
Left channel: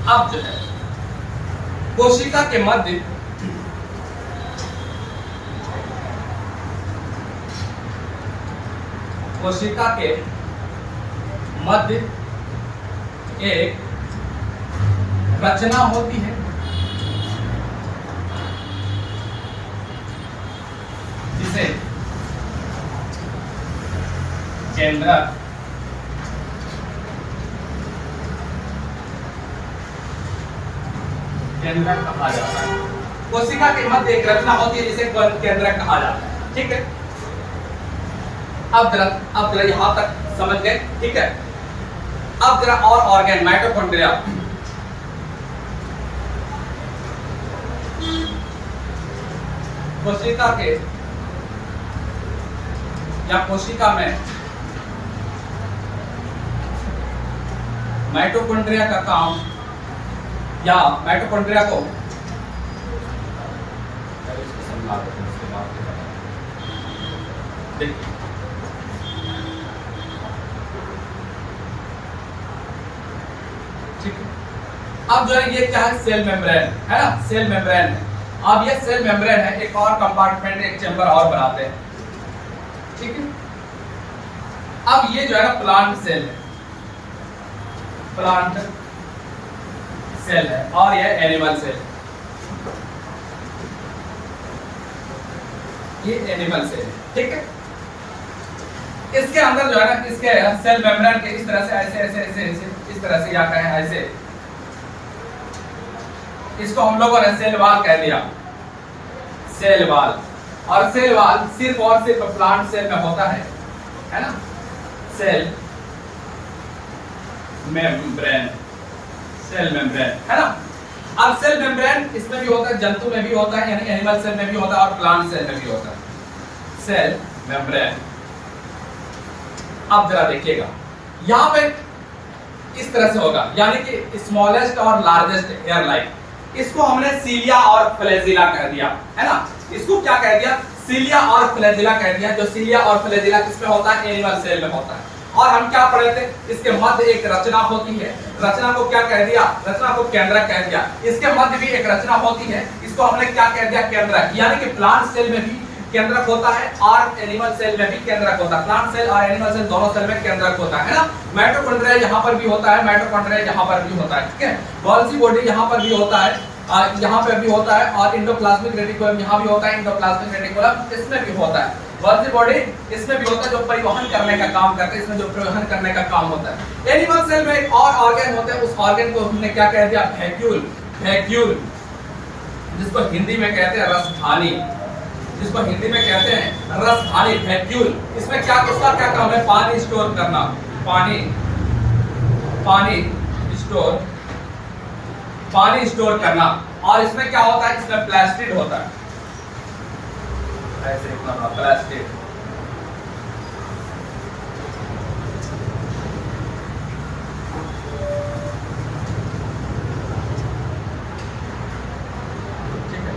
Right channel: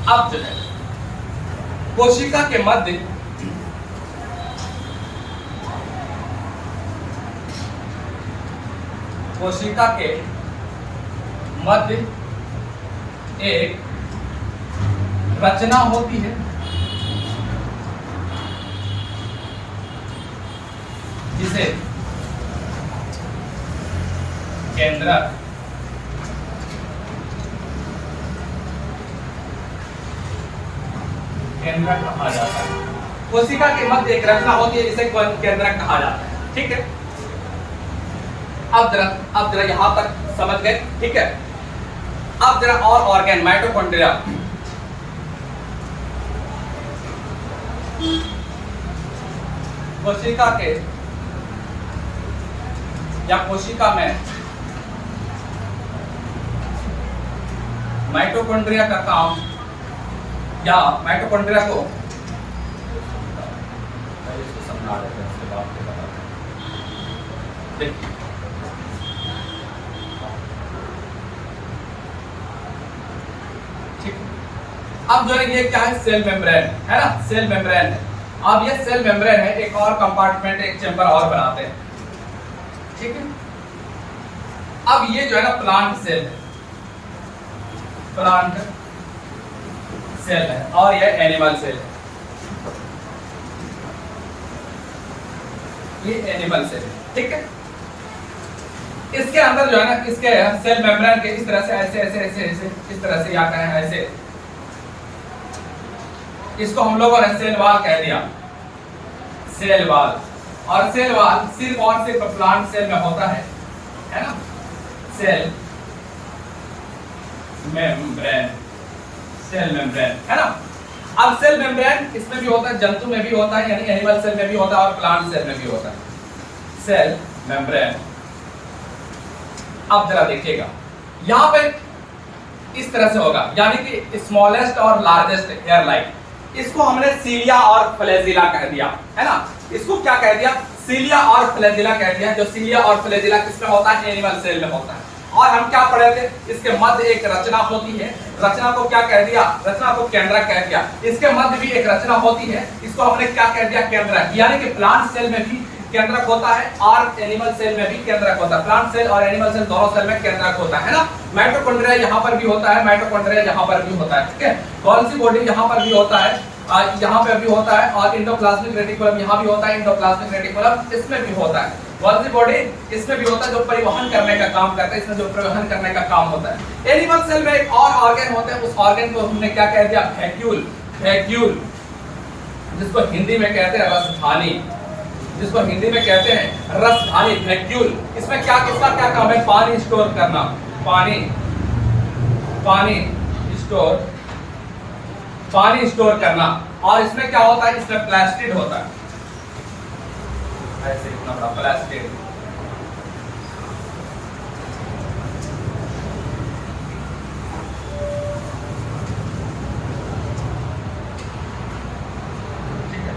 अब जो है कोशिका के मध्य एक रचना होती है जिसे केंद्रक कहा जाता है। कोशिका के मध्य एक रचना होती है जिसे केंद्रक कहा जाता है। ठीक है, अब जरा यहां तक समझ गए। ठीक है, अब जरा और ऑर्गन, माइटोकॉन्ड्रिया। कोशिका के या कोशिका में माइटोकॉन्ड्रिया का काम या माइटोकॉन्ड्रिया को समझा देते हैं, उसके बाद देखिए ठीक है। अब जो है ये क्या है? सेल मेम्ब्रेन है ना, सेल मेम्ब्रेन है। अब ये सेल मेम्ब्रेन है, एक और कंपार्टमेंट, एक चैम्बर और बनाते हैं। ठीक है, अब ये जो है ना प्लांट सेल है, प्लांट सेल है, और ये एनिमल सेल है, ये एनिमल सेल। ठीक है, इसके अंदर जो है ना, इसके सेल मेम्ब्रेन के इस तरह से ऐसे ऐसे ऐसे ऐसे इस तरह से या करें ऐसे, इसको हम लोगों ने सेल वाल कह दिया, सेल वाल। और सेल वाल सिर्फ और सिर्फ प्लांट सेल में होता है ना, सेल मेम्ब्रेन, सेल मेम्ब्रेन है ना। अब सेल मेम्ब्रेन इसमें भी होता है, जंतु में भी होता है, यानी एनिमल सेल में भी होता है और प्लांट सेल में भी होता है, सेल मेम्ब्रेन। अब जरा देखिएगा, यहां पे इस तरह से होगा, यानी कि स्मॉलेस्ट और लार्जेस्ट एयरलाइन, इसको हमने सीलिया और फ्लैजिला कह दिया है ना। इसको क्या कह दिया? सीलिया और फ्लैजिला कह दिया। जो सीलिया और फ्लैजिला किसमें होता है? एनिमल सेल में होता है। और हम क्या पढ़े थे? इसके मध्य एक रचना होती है, रचना को क्या कह दिया? रचना को केंद्रक कह दिया। इसके मध्य भी एक रचना होती है, इसको हमने क्या कह दिया? केंद्रक। यानी कि प्लांट सेल में भी केंद्रक होता है और एनिमल सेल में भी केंद्रक होता है। प्लांट सेल और एनिमल सेल दोनों सेल में केंद्रक होता है ना। माइटोकॉन्ड्रिया यहाँ पर भी होता है, माइटोकॉन्ड्रिया यहाँ पर भी होता है। ठीक है, गोल्गी बॉडी यहाँ पर भी होता है, यहाँ पे भी होता है, और इंडोप्लाज्मिक रेटिकुलम यहाँ भी होता है, इंडोप्लाज्मिक रेटिकुलम इसमें भी होता है। गोल्गी बॉडी इसमें भी होता है, जो परिवहन करने का काम करता है, इसमें जो परिवहन करने का काम होता है। एनिमल सेल में एक और ऑर्गन होता है, उस ऑर्गन को हमने क्या कह दिया? वैक्यूल। वैक्यूल, जिसको हिंदी में कहते हैं रसधानी, जिसको हिंदी में कहते हैं रसधानी, वैक्यूल। इसमें क्या, इसका क्या काम है? पानी स्टोर करना, पानी स्टोर करना। और इसमें क्या होता है? इसमें प्लास्टिड होता है, ऐसे इतना बड़ा प्लास्टिड। ठीक है,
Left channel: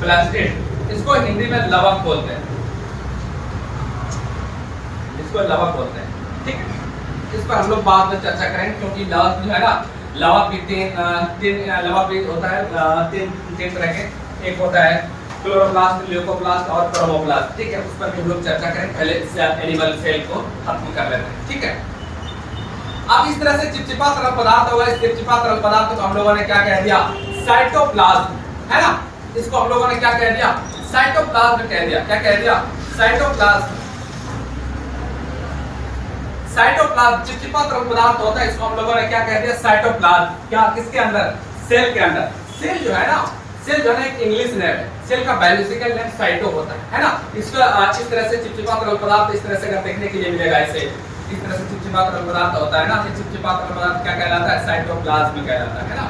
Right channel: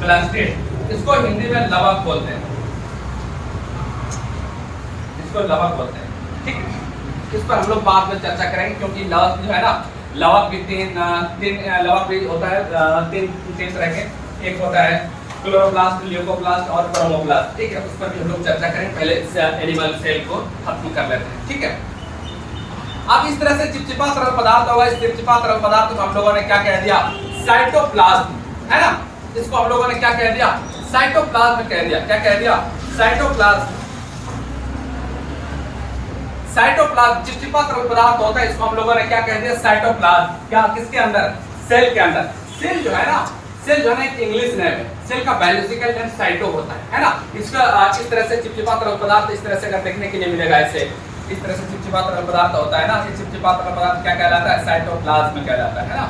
प्लास्टिड, इसको हिंदी में लवक बोलते हैं, इसको लवक बोलते हैं। ठीक है, इस पर हम लोग बाद में चर्चा करेंगे, क्योंकि लवक जो है ना, लवक भी तीन लवक भी होता है, तीन तरह के। एक होता है क्लोरोप्लास्ट, ल्यूकोप्लास्ट और क्रोमोप्लास्ट। ठीक है, उस पर भी हम लोग चर्चा करें, पहले एनिमल सेल को खत्म कर लेते हैं। ठीक है, अब इस तरह से चिपचिपा तरल पदार्थ होगा। इस चिपचिपा तरल पदार्थ को हम लोगों ने क्या कह दिया? साइटोप्लाज्म है ना। इसको हम लोगों ने क्या कह दिया? साइटोप्लाज्म कह दिया। क्या कह दिया? साइटोप्लाज्म। साइटोप्लाज्म चिपचिपा तरल पदार्थ होता है, इसको हम लोगों ने क्या कह दिया? साइटोप्लाज्म। क्या? किसके अंदर? सेल के अंदर। सेल जो है ना, सेल जो है ना एक इंग्लिश नेम है, सेल का बायोलॉजिकल नेम साइटो होता है ना। इसका इस तरह से चिपचिपा तरल पदार्थ इस तरह से अगर देखने के लिए मिलेगा, ऐसे इस तरह से चिपचिपा तरल पदार्थ होता है ना, ये चिपचिपा तरल पदार्थ क्या कहलाता है? साइटोप्लाज्म कहलाता है ना।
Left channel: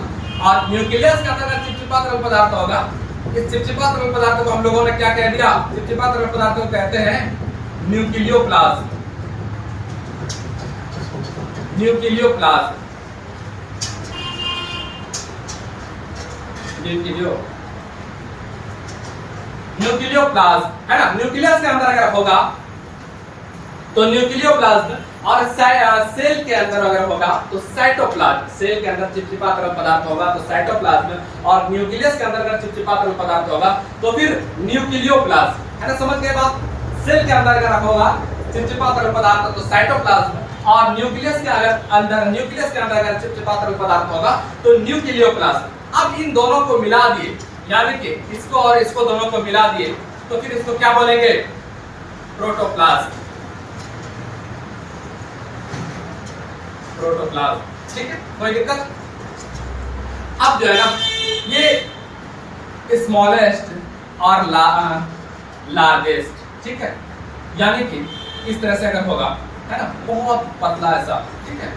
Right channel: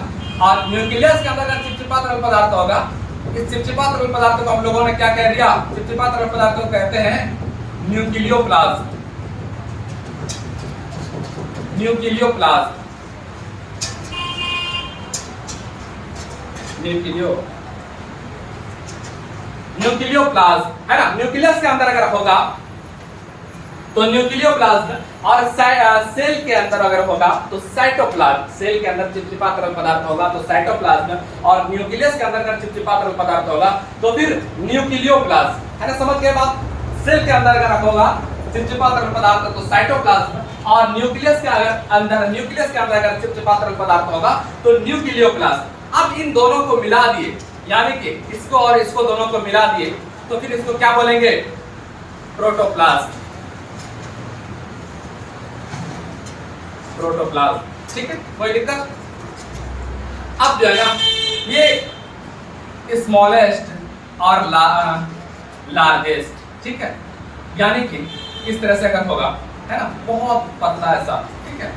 और न्यूक्लियस के अंदर चिपचिपा तरल पदार्थ होगा, इस चिपचिपा तरल पदार्थ को हम लोगों ने क्या कह दिया? चिपचिपा तरल पदार्थ को कहते हैं न्यूक्लियोप्लाज्म। न्यूक्लियोप्लाज्म, न्यूक्लियोप्लाज्म है ना। न्यूक्लियस के अंदर अगर होगा तो न्यूक्लियोप्लाज्म, और सेल के अंदर अगर होगा तो साइटोप्लाज्म। सेल के अंदर चिपचिपा तरल पदार्थ होगा तो साइटोप्लाज्म, और न्यूक्लियस के अंदर अगर चिपचिपा तरल पदार्थ होगा तो फिर न्यूक्लियोप्लाज्म, है ना। समझ गए बात। सेल के अंदर अगर होगा चिपचिपा तरल पदार्थ तो साइटोप्लाज्म, और न्यूक्लियस के अंदर अगर चिपचिपा तरल पदार्थ होगा तो न्यूक्लियोप्लाज्म। अब इन दोनों को मिला दिए, यानी कि इसको और इसको दोनों को मिला दिए तो फिर इसको क्या बोलेंगे? Protoplasm, protoplasm. ठीक है, कोई दिक्कत? अब जो है ना ये स्मॉलेस्ट और लार्जेस्ट, ठीक है, यानी कि इस तरह से अगर होगा, है ना, बहुत पतला ऐसा, ठीक है,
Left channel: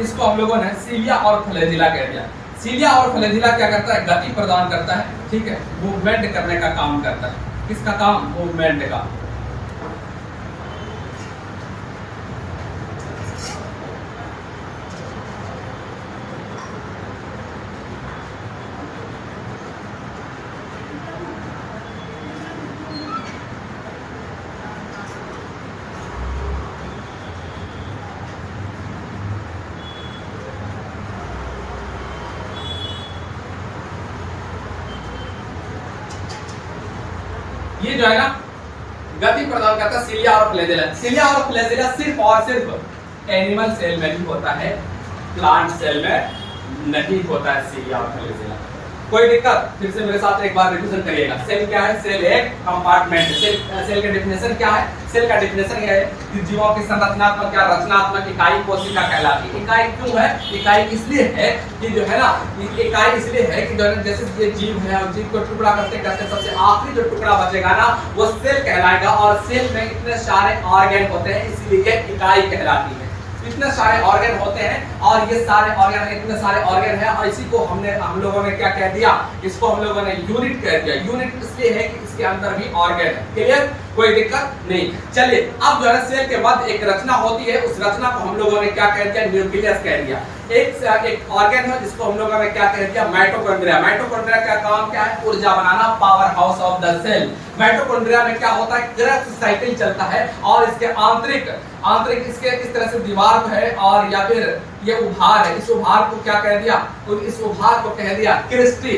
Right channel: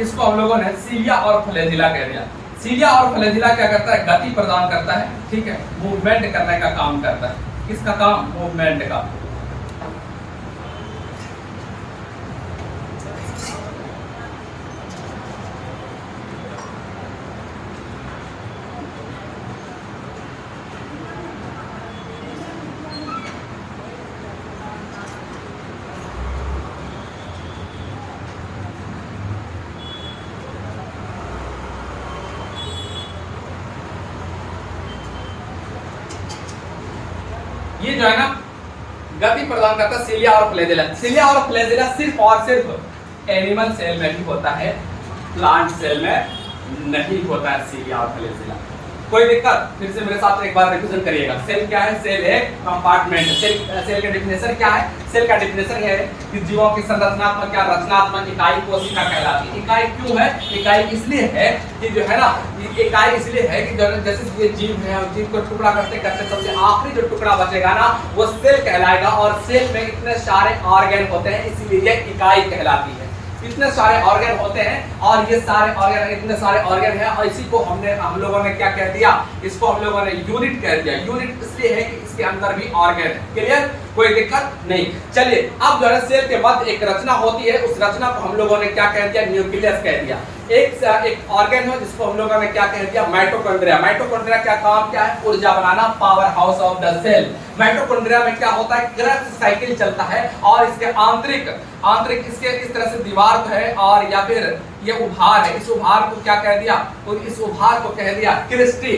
इसको हम लोगों ने सीलिया और फ्लैजिला कह दिया। सीलिया और फ्लैजिला क्या करता है? गति प्रदान करता है, ठीक है, मूवमेंट करने का काम करता है। किसका काम? मूवमेंट का। ये जो है ना गति प्रदान करता है सीलिया और फ्लैजिला। सीलिया और फ्लैजिला सिर्फ और सिर्फ एनिमल सेल में ही होता है, प्लांट सेल में नहीं होता है सीलिया और फ्लैजिला। कोई दिक्कत? फिर से मेरे साथ एक बार रिवीजन करिएगा। सेल क्या है? सेल एक कंपार्टमेंट। सेल का डेफिनेशन क्या है? सेल का डेफिनेशन है कि जीवों की संरचनात्मक या रचनात्मक इकाई कोशिका कहलाती है। इकाई क्यों है? इकाई इसलिए है कि जो है ना, इकाई इसलिए है कि जैसे ये जीव है, जीव को टुकड़ा करते करते सबसे आखिरी जो टुकड़ा बचेगा ना वो सेल कहलाएगा, और सेल में इतने सारे ऑर्गन होते हैं इसलिए इकाई कहलाती है। इतने सारे ऑर्गन होते हैं और ये सारे ऑर्गन, इतने सारे ऑर्गन है, और इसी को हम लोगों ने क्या कह दिया? इसको हम लोगों ने यूनिट कह दिया। यूनिट इसलिए है कि इसके अंदर भी ऑर्गन है। क्लियर? कोई दिक्कत नहीं। चलिए, अब जो है सेल के बाद एक रचना होती है, उस रचना को हम लोगों ने क्या कह दिया? न्यूक्लियस कह दिया। एक ऑर्गन है जिसको हम लोगों ने क्या कह दिया? माइटोकॉन्ड्रिया। माइटोकॉन्ड्रिया का काम क्या है? ऊर्जा बनाना, power house of the cell. Mitochondria में क्या होता है? क्रेब्स साइकिल चलता है, और इसके आंतरिक इसके इस तरह से दीवार को है, और या फिर ये उभार है, इस उभार को क्या कह दिया? तो इस उभार को कह दिया क्रिस्टी,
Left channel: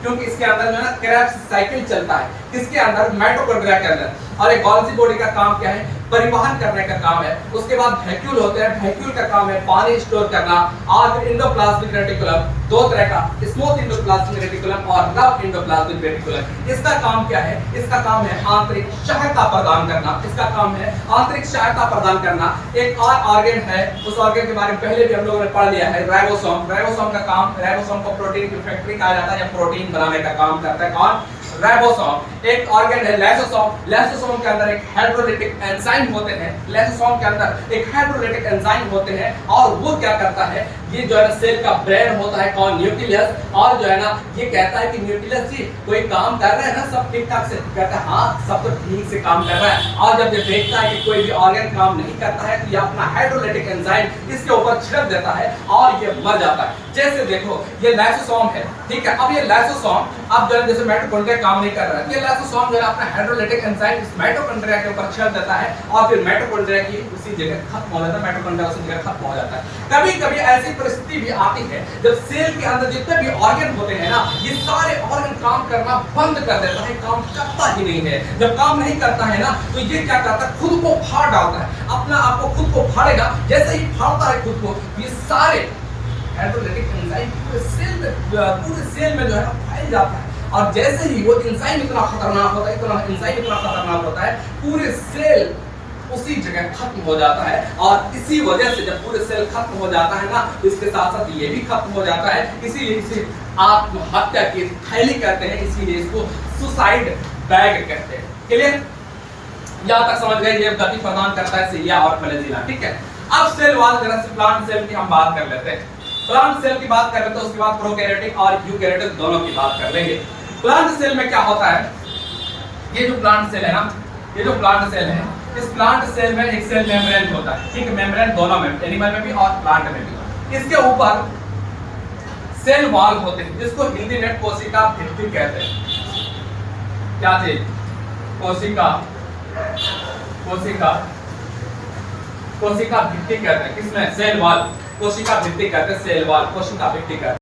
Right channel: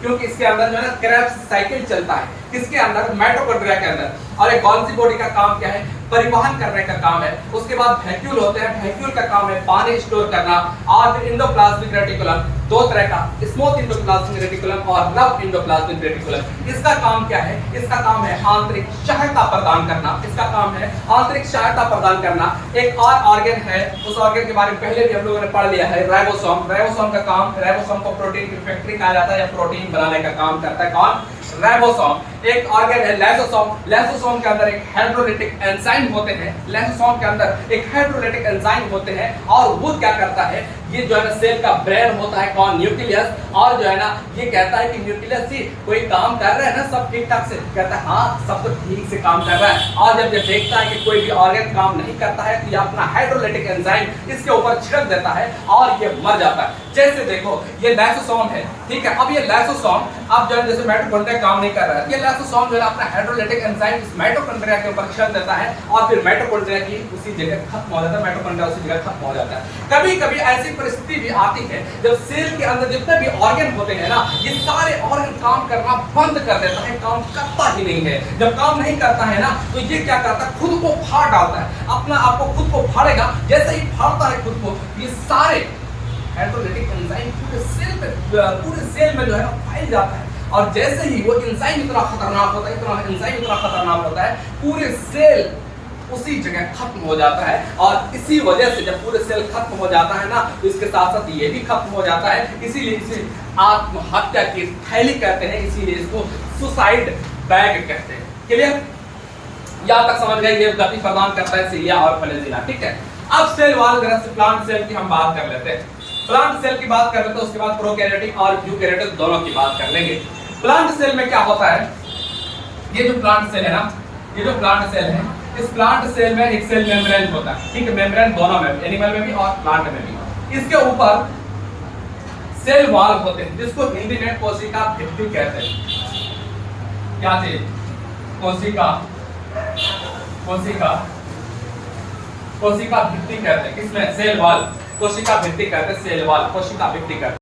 क्योंकि इसके अंदर जो है ना क्रेब्स साइकिल चलता है। किसके अंदर? माइटोकॉन्ड्रिया के अंदर। और एक गोल्गी बॉडी का काम क्या है? परिवहन करने का काम है। उसके बाद वैक्यूल होते हैं, वैक्यूल का काम है पानी स्टोर करना। और फिर इंडोप्लाज्मिक रेटिकुलम, दो तरह का, स्मूथ इंडोप्लाज्मिक रेटिकुलम और रफ इंडोप्लाज्मिक रेटिकुलम। इसका काम क्या है? इसका काम है आंतरिक सहायता प्रदान करना। इसका काम है आंतरिक सहायता प्रदान करना। एक और ऑर्गन है, उस ऑर्गन के बारे में पहले भी हम लोगों ने पढ़ लिया है, राइबोसोम। राइबोसोम का काम, राइबोसोम को प्रोटीन की फैक्ट्री कहा जाता है, या प्रोटीन बनाने का काम करता है कौन? राइबोसोम। एक ऑर्गन है लाइसोसोम। लाइसोसोम के अंदर एक हाइड्रोलिटिक एंजाइम होते हैं। लाइसोसोम के अंदर एक हाइड्रोलिटिक एंजाइम होते हैं, और वो क्या करता है? ये जो है ना सेल का ब्रेन होता है कौन? न्यूक्लियस। और जो है ना ये कहता है कि न्यूक्लियस जी कोई काम कर रहा है ना, सब ठीक ठाक से, कहता है हाँ सब तो ठीक से काम कर रहा है। और जब ये देखता है कि कोई भी ऑर्गन काम नहीं करता है तो ये अपना हाइड्रोलिटिक एंजाइम इसके ऊपर छिड़क देता है और ये मर जाता है। जैसे देखो ये लाइसोसोम है, ठीक है। अब ये लाइसोसोम अब जो है जैसे माइटोकॉन्ड्रिया काम नहीं कर रहा है, ये लाइसोसोम जो है अपना हाइड्रोलिटिक एंजाइम इस माइटोकॉन्ड्रिया के ऊपर छिड़क देता है, और फिर माइटोकॉन्ड्रिया की उसी जगह खत्म हो जाता है। माइटोकॉन्ड्रिया उसी जगह खत्म हो जाता है। कभी कभी ऐसी परिस्थिति भी आती है जब सेल के अंदर जितने भी ऑर्गन होते हैं ना, ये सारे ऑर्गन काम करना बंद कर देता है, काम करता ही नहीं है। जब काम नहीं करता है ना तो ये क्या करता है? खुद को फाड़ डालता है, अपना आपको खुद को फाड़ेगा। जैसे ही फाड़ता है खुद को, ये सारे हाइड्रोलिटिक एंजाइम पूरे सेल में जो है ना फैल जाता है, और जैसे ही वो एंजाइम इतना खतरनाक होता है, पूरे सेल उसी जगह खत्म हो जाता है। और इसी वजह से जब पूरे सेल खत्म हो जाता है ना तो इसके साथ साथ ये भी खत्म हो जाता है। इसीलिए इसे आत्महत्या की थैली कहते हैं, इसीलिए इसको सुसाइड बैग कहते हैं। क्लियर? यहां तक समझ गए? ये गति प्रदान करता है सीलिया और फ्लैजिला, ठीक है। अब सेल वाल प्लांट सेल की हम बात कर लेते हैं। प्लांट सेल की बात कर लेते हैं, उसके बाद प्रोकैरियोटिक और यूकैरियोटिक दोनों की बात कर लेंगे। प्लांट सेल में क्या होता है? ये जो प्लांट सेल है ना, ये जो प्लांट सेल है इस प्लांट सेल में एक सेल मेम्ब्रेन होता है, ठीक है, मेम्ब्रेन दोनों में, एनिमल में भी और प्लांट में भी। इसके ऊपर सेल वॉल होते हैं, जिसको हिंदी में कोशिका भित्ति कहते हैं। क्या चीज? कोशिका, कोशिका, कोशिका भित्ति कहते हैं। किसमें? सेल वॉल, कोशिका भित्ति कहते हैं, सेल वॉल, कोशिका भित्ति कहते हैं।